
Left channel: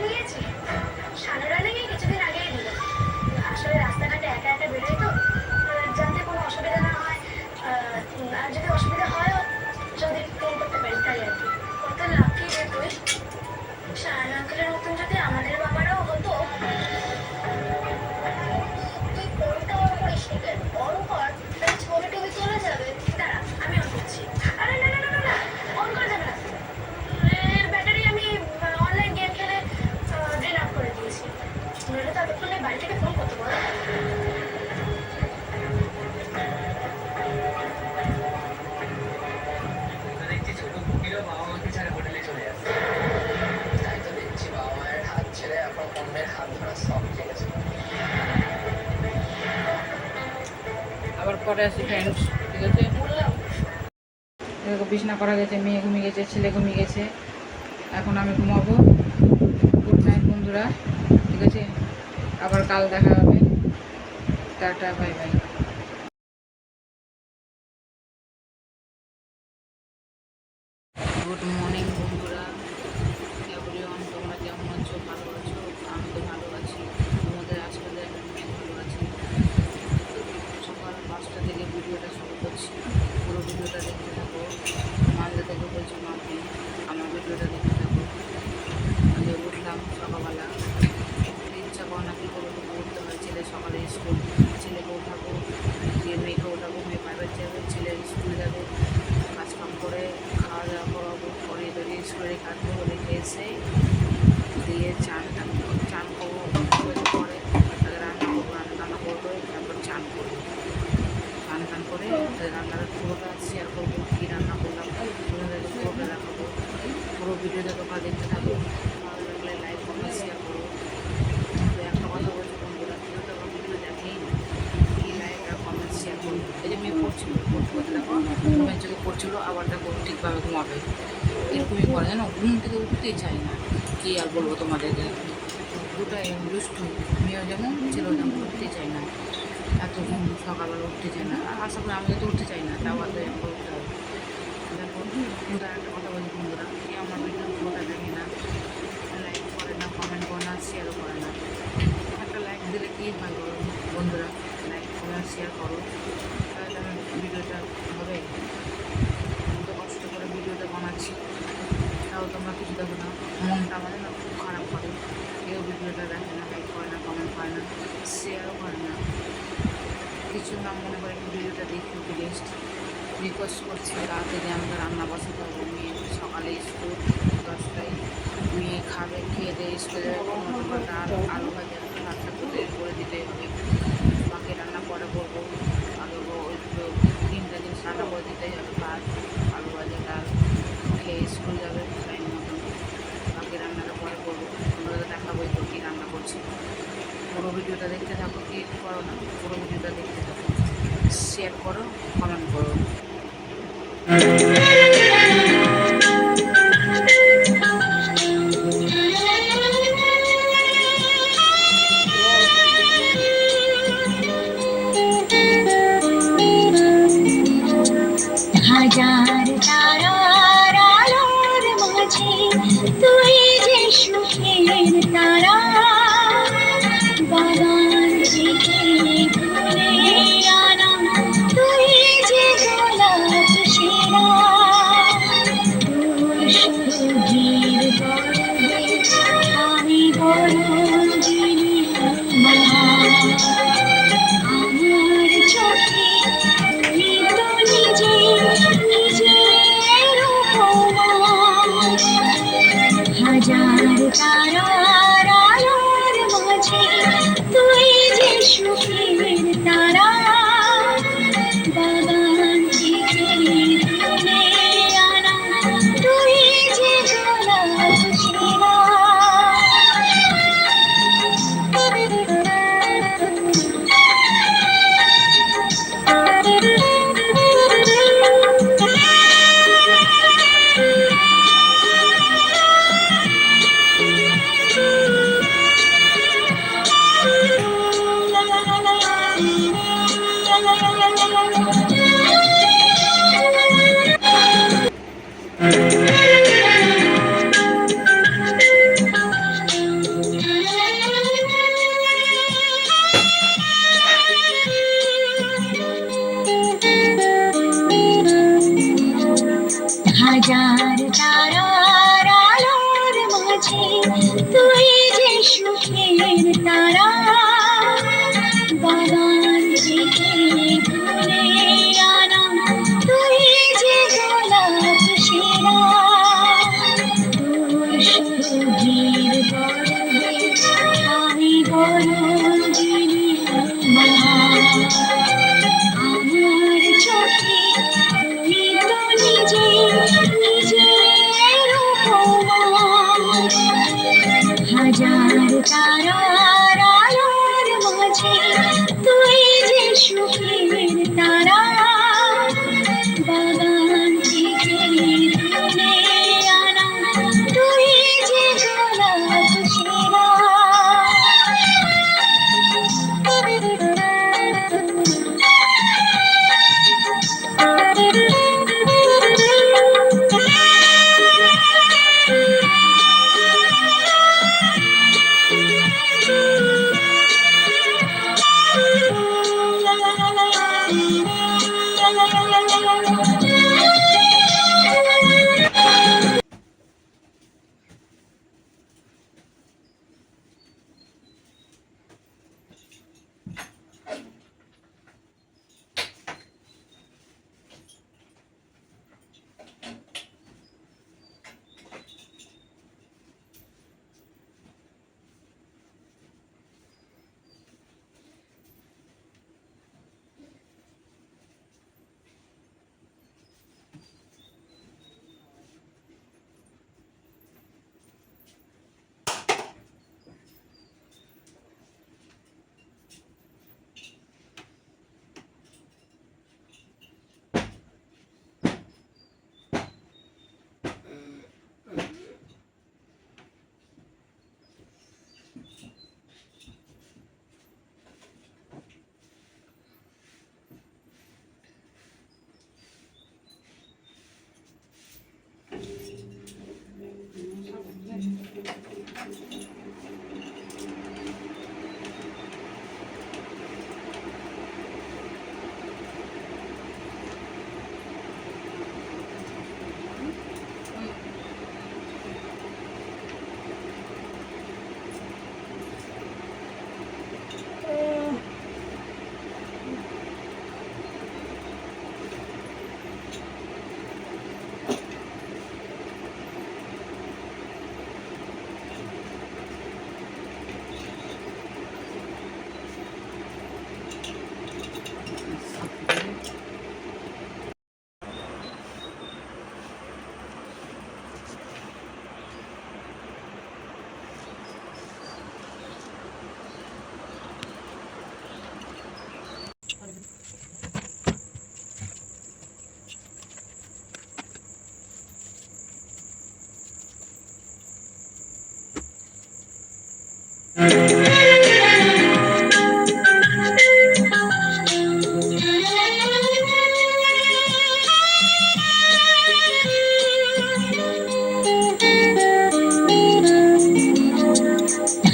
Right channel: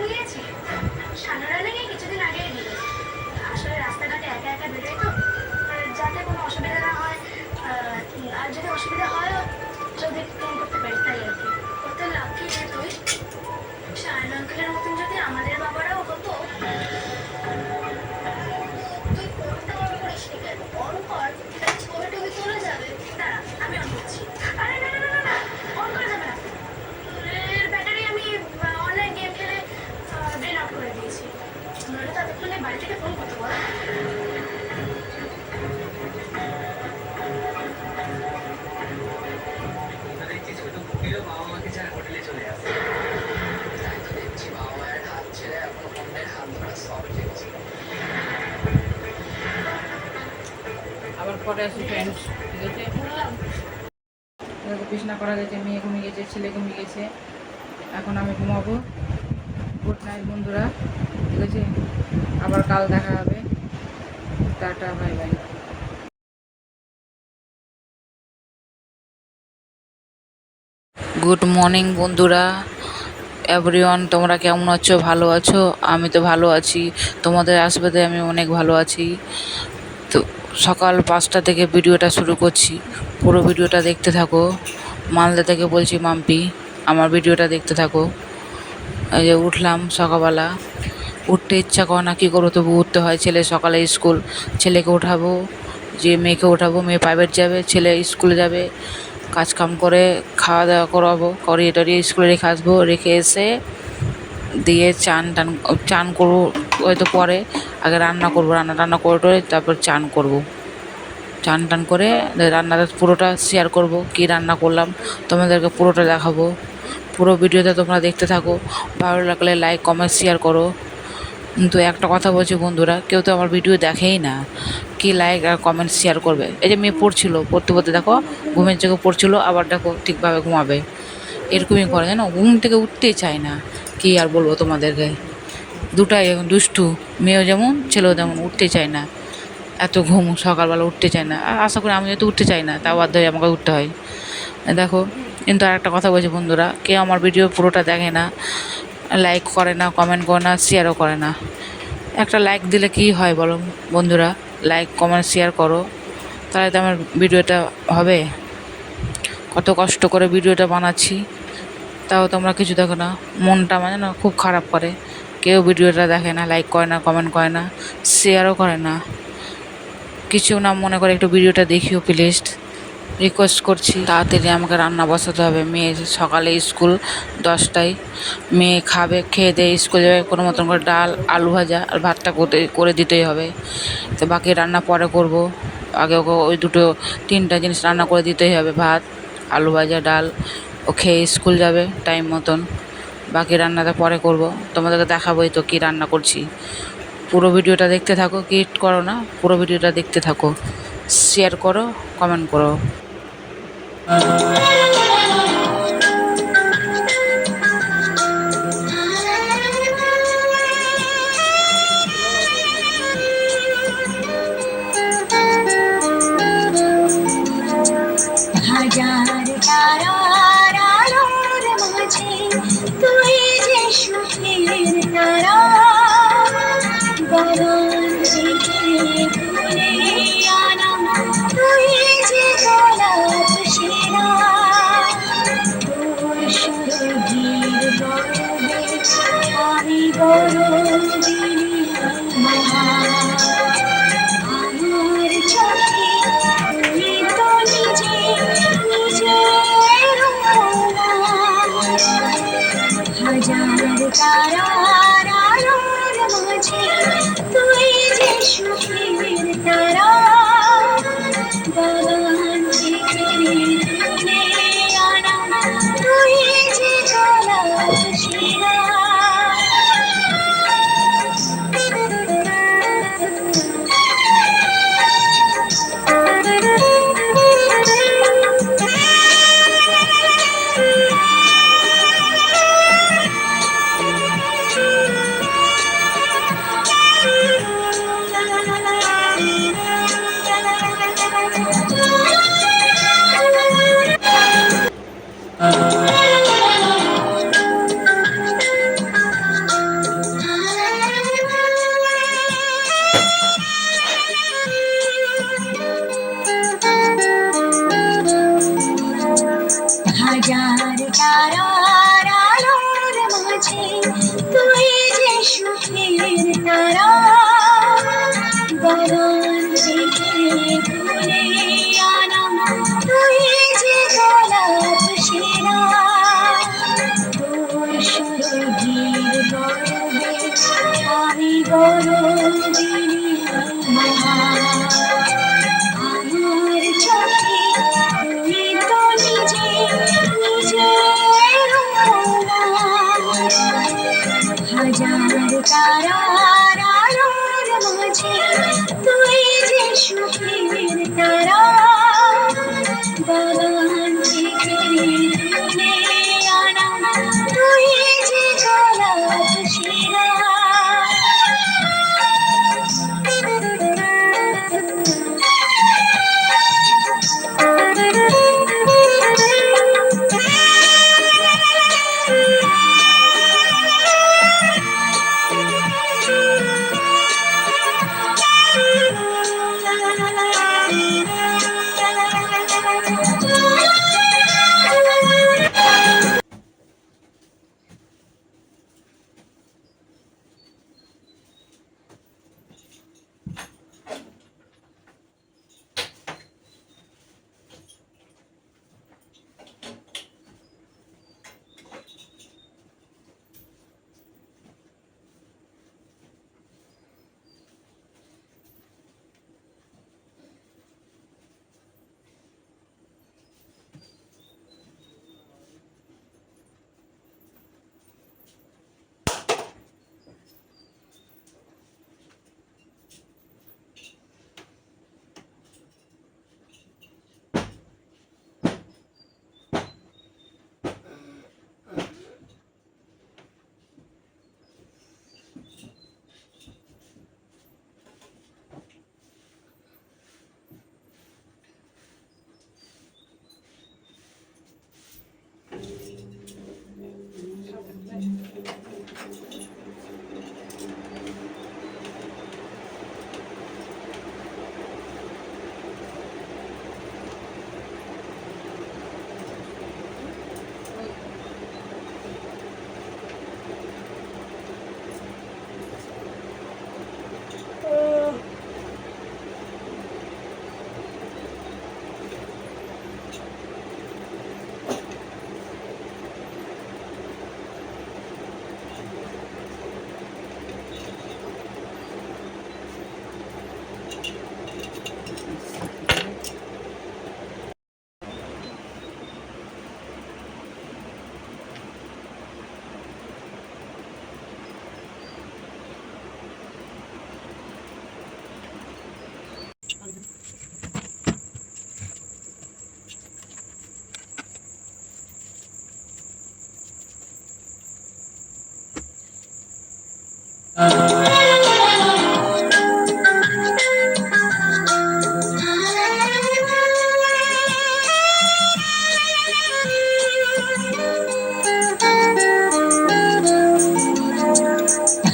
নিয়েছি। সানুরা নাকি কিছুদিন আগেই দিল। আসলে রাস্তাঘাটে একা একা বেরোই তো, যাতে কোনো অসুবিধা না হয়, আর যদি অসুবিধা হয় যদি ফোন করতে পারি তাই আর কি। কত লাকি রে তুই। শাহান আঙ্কেলের মতন যদি আমাদের বাবারাও হতো। তুই ফোনটা অন করিস নি কেন? অন কর, তাহলে ছবি টবি তোলা যাবে। দাঁড়া, আমি অন করছি। আরে না, অন করা যাবে না। এর ব্যাটারি আমি অনলাইন গেম খেলে ড্রেন আউট করে দিয়েছি। নইলে তো এতক্ষণে বাড়ি থেকে ফোন করতে বল। দেখছি ছোট কুকিরও বাবা মাকে ছাড়া হোটেলে চলে আসে। তাই তো দেখছি বাবা মায়ের হাত ছেড়ে এখন অন্যের হাত ধরা সব শিখেছে। আবার পরে আসি ফ্রেন্ডস, ঠিক আছে? বিছনা করা গেছে, মেয়ে ঘুমিয়ে গেছে, ছেলে ঘুমিয়ে গেছে, এখন আমি ঘুমাবো। গুড নাইট বন্ধুরা, ঠিক আছে? আবার কাল দেখা হবে। Tata, bye bye. Good morning বন্ধুরা, এভরিওয়ান, তোমরা কেমন আছো? ভালো আছো? আমি তো ভালো আছি, তোমাদের আশীর্বাদে আমি অনেক ভালো আছি। তো সকাল 5টা থেকে ভিডিওটা শুরু করছি, পুরো ভিডিওটা দেখতে থাকো। মালদা থেকে বলছি মাম্পি, আমার ভিডিওটা দেখতে থাকো। এই যে উঠলাম সকালবেলা, উঠতে ইচ্ছা করে না, কী করবো, তবু উঠতে হয়। ছেলে সকালে স্কুল, ছেলেকে ওঠাবো, যে মেয়েকে ওঠাবো, মেয়ে প্রাইভেট যাবে, ছেলে স্কুলে যাবে। কাজকাম করে খাওয়া দাওয়া করাবো, করিয়ে টরিয়ে স্কুলে রেখে আসবো, রেখে এসে দিয়ে চান করবো হয়তো পরে। আগে রান্না করবো, রান্না করে টরে তারপর চান করবো। চান টান করে রান্নাটা পুরোটা শেয়ার করব, কি রান্না করলাম তোমাদেরকে পুরোটা দেখাবো। পুরো ভিডিওতে তোমরা দেখতে থাকো, ভালো লাগলে লাইক কমেন্ট শেয়ার করো। কিন্তু একটা কথা বলছি বন্ধুরা, কেউ তো আমার ভিডিও দেখেই না, কি লাইক আর কমেন্ট শেয়ার করবে? এই যে মেয়ে পড়তে পড়তে দেখো ঘুমের চোখে পড়ছিল, আবার দেখো ঠিকভাবে ঘুমাবে। এরকমই করে, জানো, ঘুম থেকে উঠতেই চায় না। কি আর বলবো তোমাদেরকে, দুটাই এখন দুষ্টু, মেয়েও যেমন ছেলেও তেমন, উঠতে চায় না। এত ঘুম, সকালবেলা উঠতে চায় না। আর আশা করি আমি যেহেতু উঠতে চাই না, তাও বাধ্য হয়ে আমাকে উঠতে হয়। দেখো, কিন্তু আর একটা কথা বলছি বন্ধুরা, কেউ আমার ভিডিও পুরোটা দেখে না, লাইক করে না, কমেন্ট করে না, শেয়ারও করে না। একটা লাইক দিলে কি হয় বলো বন্ধুরা? লাইক কমেন্ট শেয়ার করো, তাহলে তো আমার ভিডিওটা হবে। কত কষ্ট করে ভিডিওটা বানাচ্ছি, তাও তোমরা কিছু দেখো না। মনটা মানে না খুব খারাপ করে, কেউ ভিডিওটা দেখে না, লাইক করে না, কমেন্ট করে না, শেয়ারও করে না। কিছু না মনে করে একটু ভিডিওটা দেখিও প্লিজ, রিকোয়েস্ট করছি। তাড়াতাড়ি আমাকে রান্না বসাতে হবে, মেয়ে সকালে স্কুল 10টায়, মেয়ে খাবে, খেয়ে দিয়ে স্কুল যাবে। কোনো মতন করে ডাল, আলু ভাজা আর ভাতটা করে দিতেই হবে। তো বাকি রান্না পরে করব, আগে ওকে ওই 3টা জিনিস রান্না করে দিতেই হবে, ভাত, আলু ভাজা, ডাল। ও খেয়ে স্কুল যাবে টাইম মতন, বাকি রান্নাটা পরে করব। তোমাদেরকে দেখাবোই তো কী রান্না করছি। পুরো ভিডিওটা দেখতে থাকো, কিট করো না, পুরো ভিডিওটা দেখতে থাকো, শেয়ার করো, কমেন্ট করো। হাজার তারার আলোর মাঝে তুই যে সুখের তারা, বাগান থেকে তুলে আনা তুই যে গোলাপ সেরা। হাজার তারার আলোর মাঝে তুই যে সুখের তারা বাগান থেকে তুলে আনা তুই যে গোলাপ সেরা তোর সুরভির গর্বে আমি গরজিনী আমার চোখে তুই তো নিজে নিজের উপমা হাজার তারার আলোর মাঝে তুই যে সুখের তারা বাগান থেকে তুলে আনা তুই যে গোলাপ সেরা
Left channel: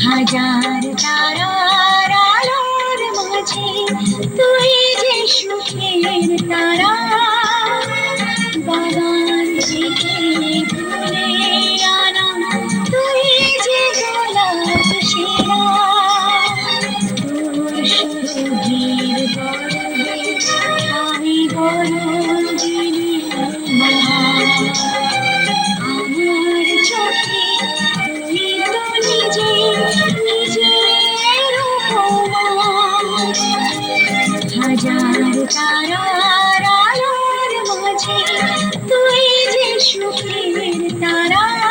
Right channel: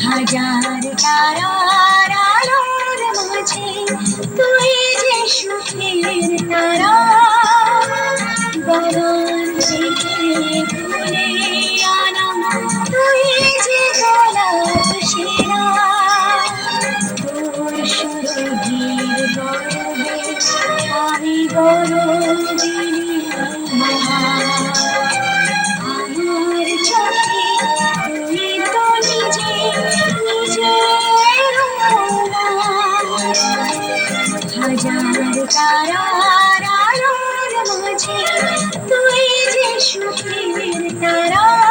হাজার তারার আলোর মাঝে তুই যে সুখের তারা বাগান থেকে তুলে আনা তুই যে গোলাপ সেরা তোর সুরভির গর্বে আমি গরজিনী আমার চোখে তুই তো নিজে নিজের উপমা হাজার তারার আলোর মাঝে তুই যে সুখের তারা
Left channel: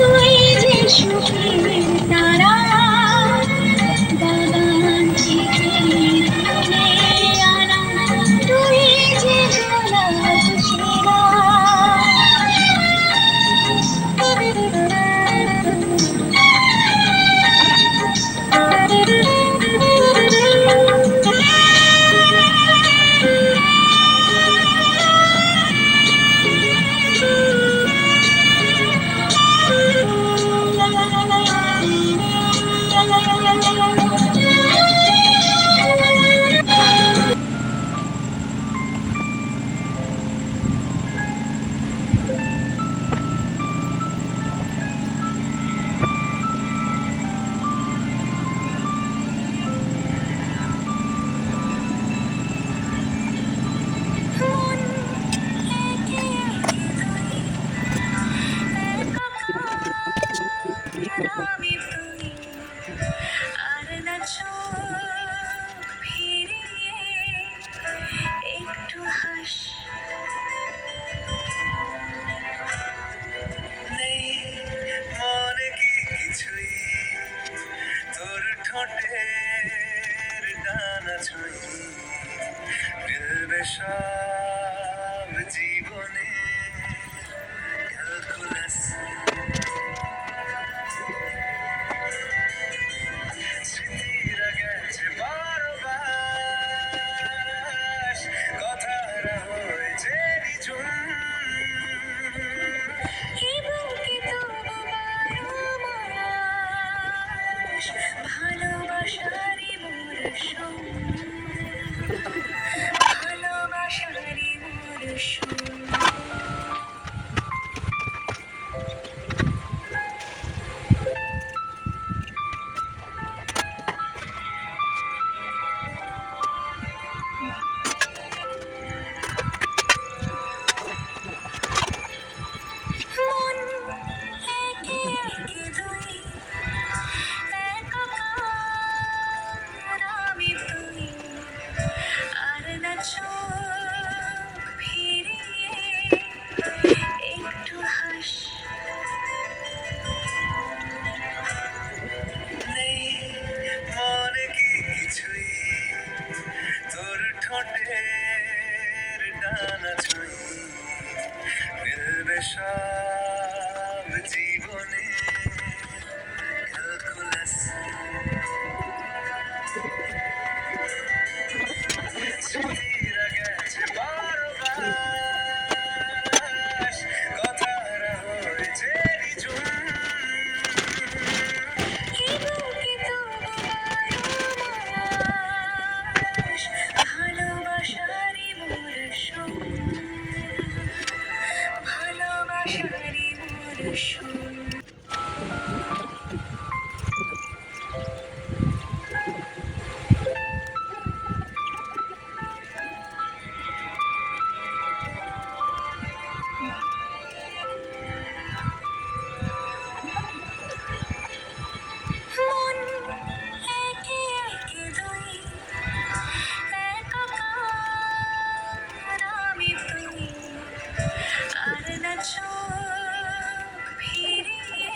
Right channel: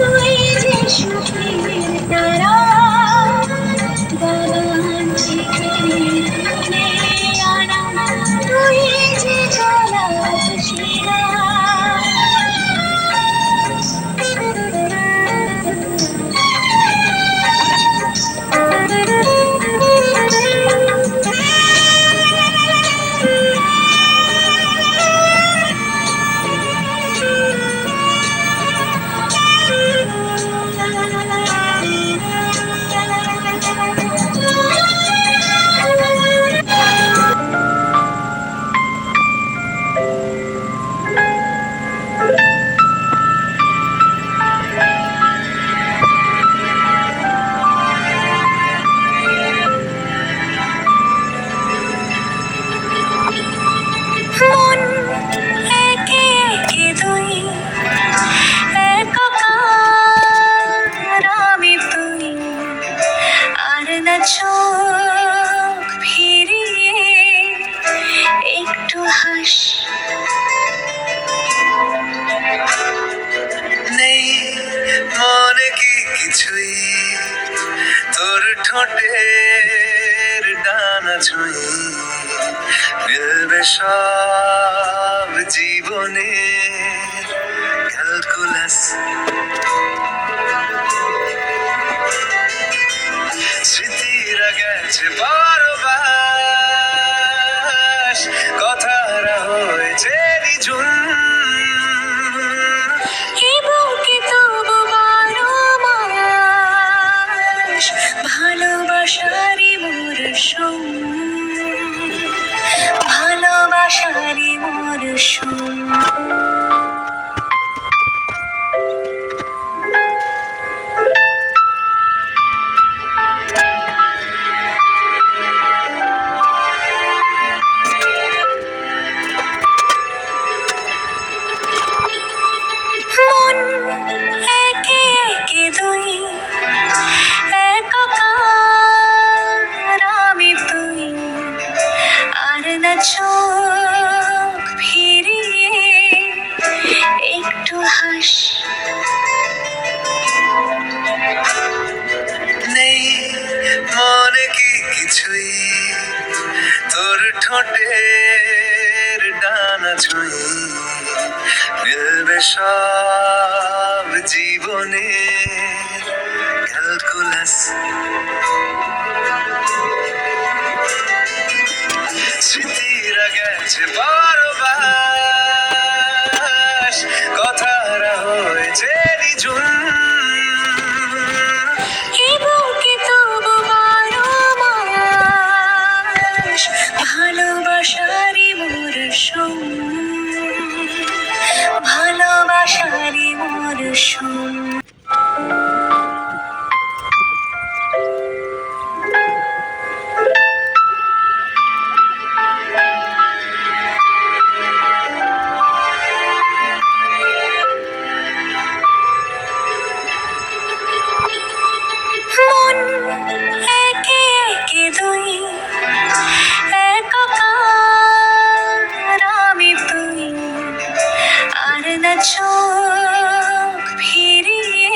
তুই যে সুখের তারা গান থেকে তুলে আনা তুই যে গোলাপ শিরা মন একে একে দুই একাকার আমি তুই আর না চোখ ফিরিয়ে একটু হাস নেই মনে কি কিছুই তোর ঠোঁটের ডানা ছুঁই মিলবে সব জীবনে ক্যালকুলাস স্মৃতিরা গেছে বারবার কথারা হয়েছে নিঝুম এ বুকে তবু বারো মাস ভালোবাসারই মরশুম ভালোবাসারই মরশুম মন একে একে দুই একাকার আমি তুই আর না চোখ ফিরিয়ে একটু হাস নেই মনে কি কিছুই তোর ঠোঁটের ডানা ছুঁই মিলবে সব জীবনে ক্যালকুলাস স্মৃতিরা গেছে বারবার কথারা হয়েছে নিঝুম এ বুকে তবু বারো মাস ভালোবাসারই মরশুম ভালোবাসারই মরশুম মন একে একে দুই একাকার আমি তুই আর না চোখ ফিরিয়ে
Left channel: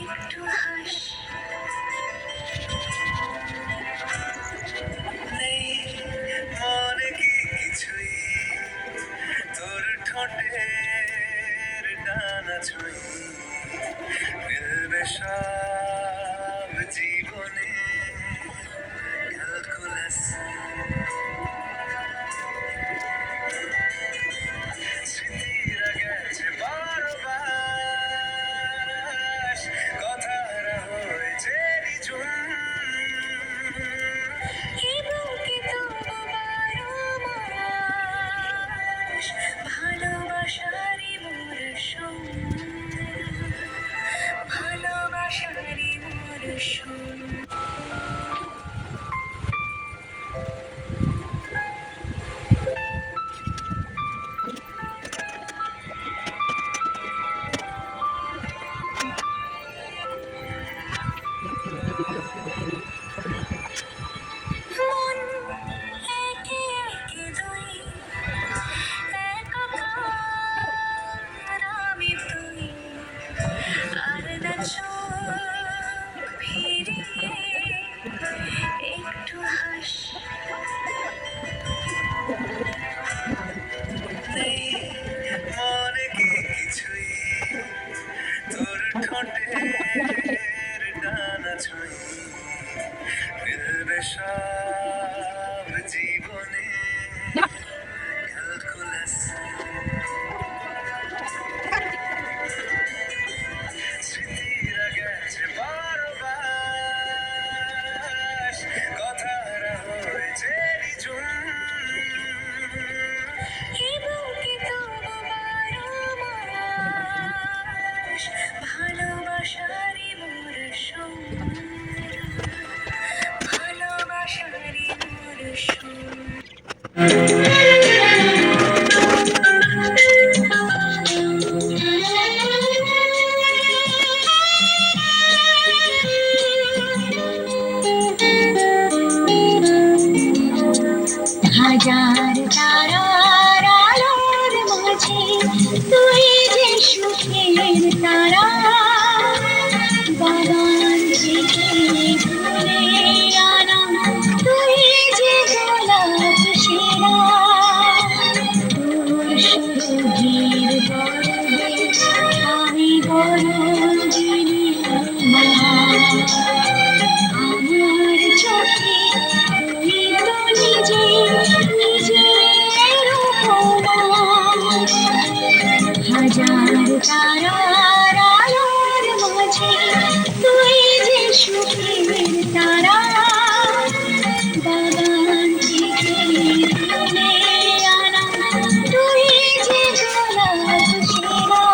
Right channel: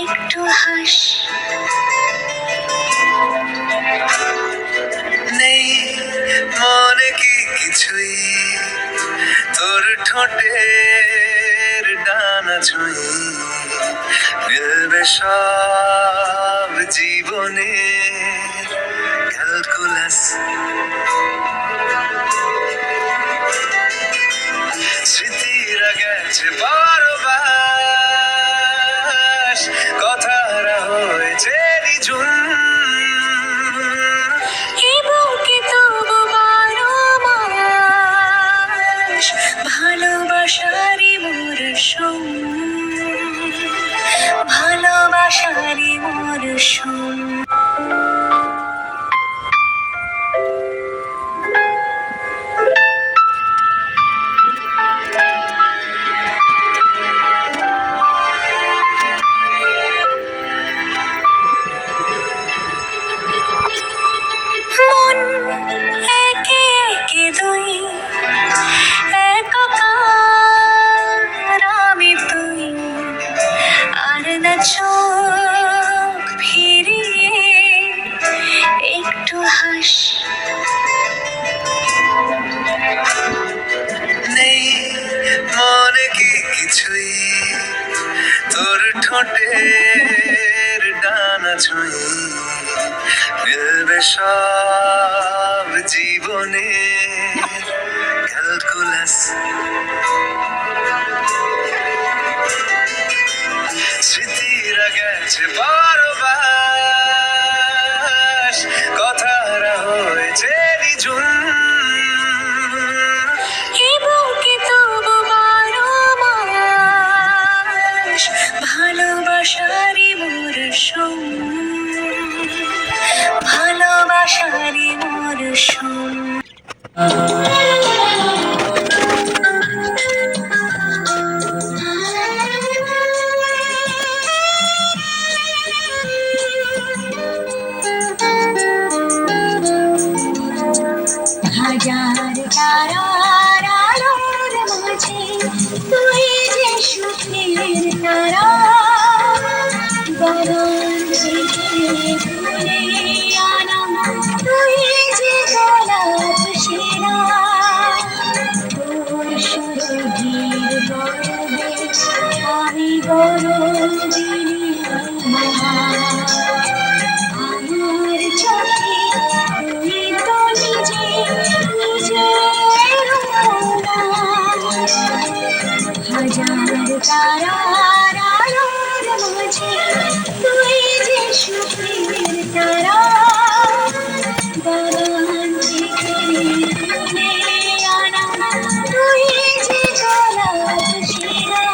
একটু হাস নেই মনে কি কিছুই তোর ঠোঁটের ডানা ছুঁই মিলবে সব জীবনে ক্যালকুলাস স্মৃতিরা গেছে বারবার কথারা হয়েছে নিঝুম এ বুকে তবু বারো মাস ভালোবাসারই মরশুম ভালোবাসারই মরশুম মন একে একে দুই একাকার আমি তুই ছুঁই তোর ঠোঁটের ডানা ছুঁই মিলবে সব জীবনে ক্যালকুলাস স্মৃতিরা গেছে পরবাস কথারা হয়েছে নিঝুম এ বুকে তবু বারো মাস ভালোবাসারই মরশুম, ভালোবাসারই মরশুম। হাজার তারার আলোর মাঝে তুই যে সুখের তারা, বাগান থেকে তুলে আনা তুই যে গোলাপ সেরা, তোর সুরভির গর্বে আমি গরজিনী আমার চোখে তুই তো নিজে নিজের উপমা। হাজার তারার আলোর মাঝে তুই যে সুখের তারা, বাগান থেকে তুলে আনা তুই যে গোলাপ সেরা।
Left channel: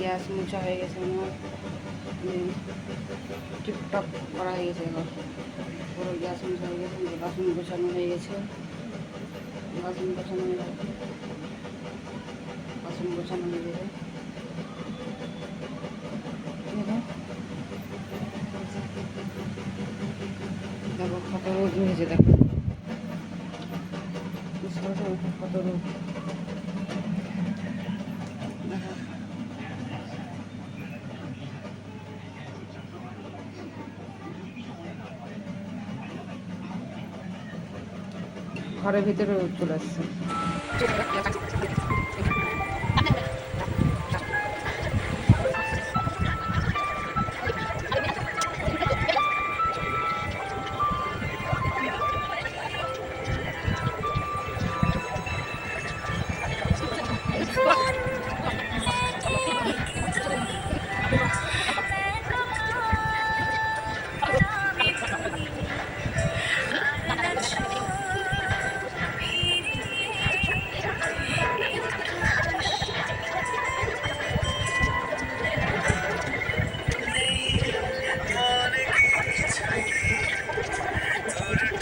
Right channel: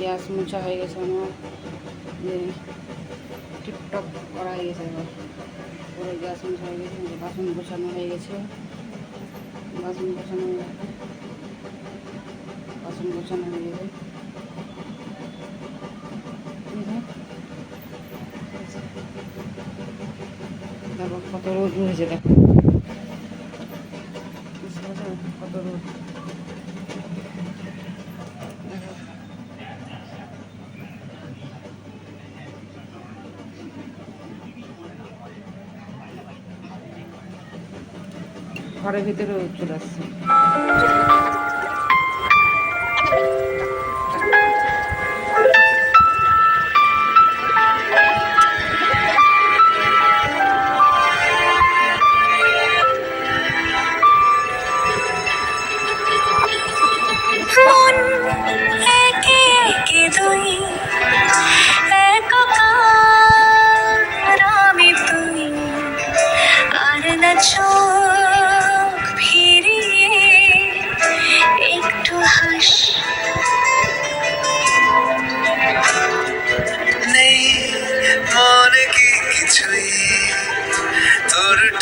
গ্যাস মোছা হয়ে গেছে আমার, টিপটপ করা হয়ে গেছে। এবার পুরো গ্যাস মোছা হয়ে গেছে, বাসন গোছানো হয়ে গেছে, বাসন গোছানো হয়ে গেছে, বাসন গোছানো হয়ে গেছে। দেখো কত রোদ হয়েছে, দেখো কত রোদ। দেখো ঘরের ভিতরে চলে আসছে। মন একে একে দুই, একাকার আমি তুই, আর না ছোট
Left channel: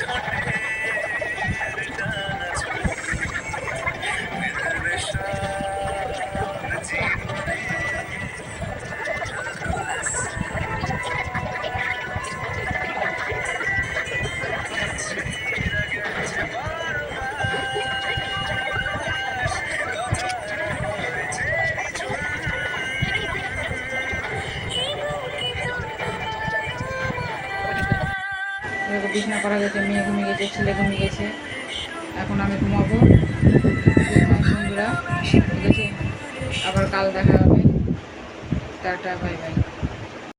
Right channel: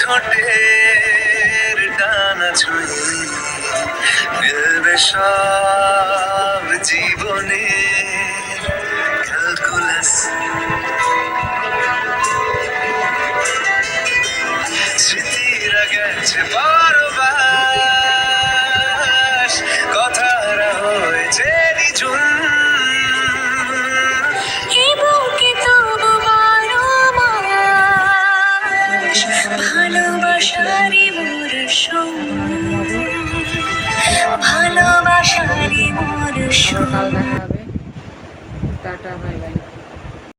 ঠোঁটের ডানা ছুঁই মিলবে সব জীবনে ক্যালকুলাস স্মৃতিরা গেছে পরবাস কথারা হয়েছে নিঝুম এ বুকে তবু বড় মায়া ভালোবাসারি মরশুম এখন আমি ঘুমাবো। ভালোবাসারি মরশুম আবার কাল দেখা হবে। Tata, bye bye.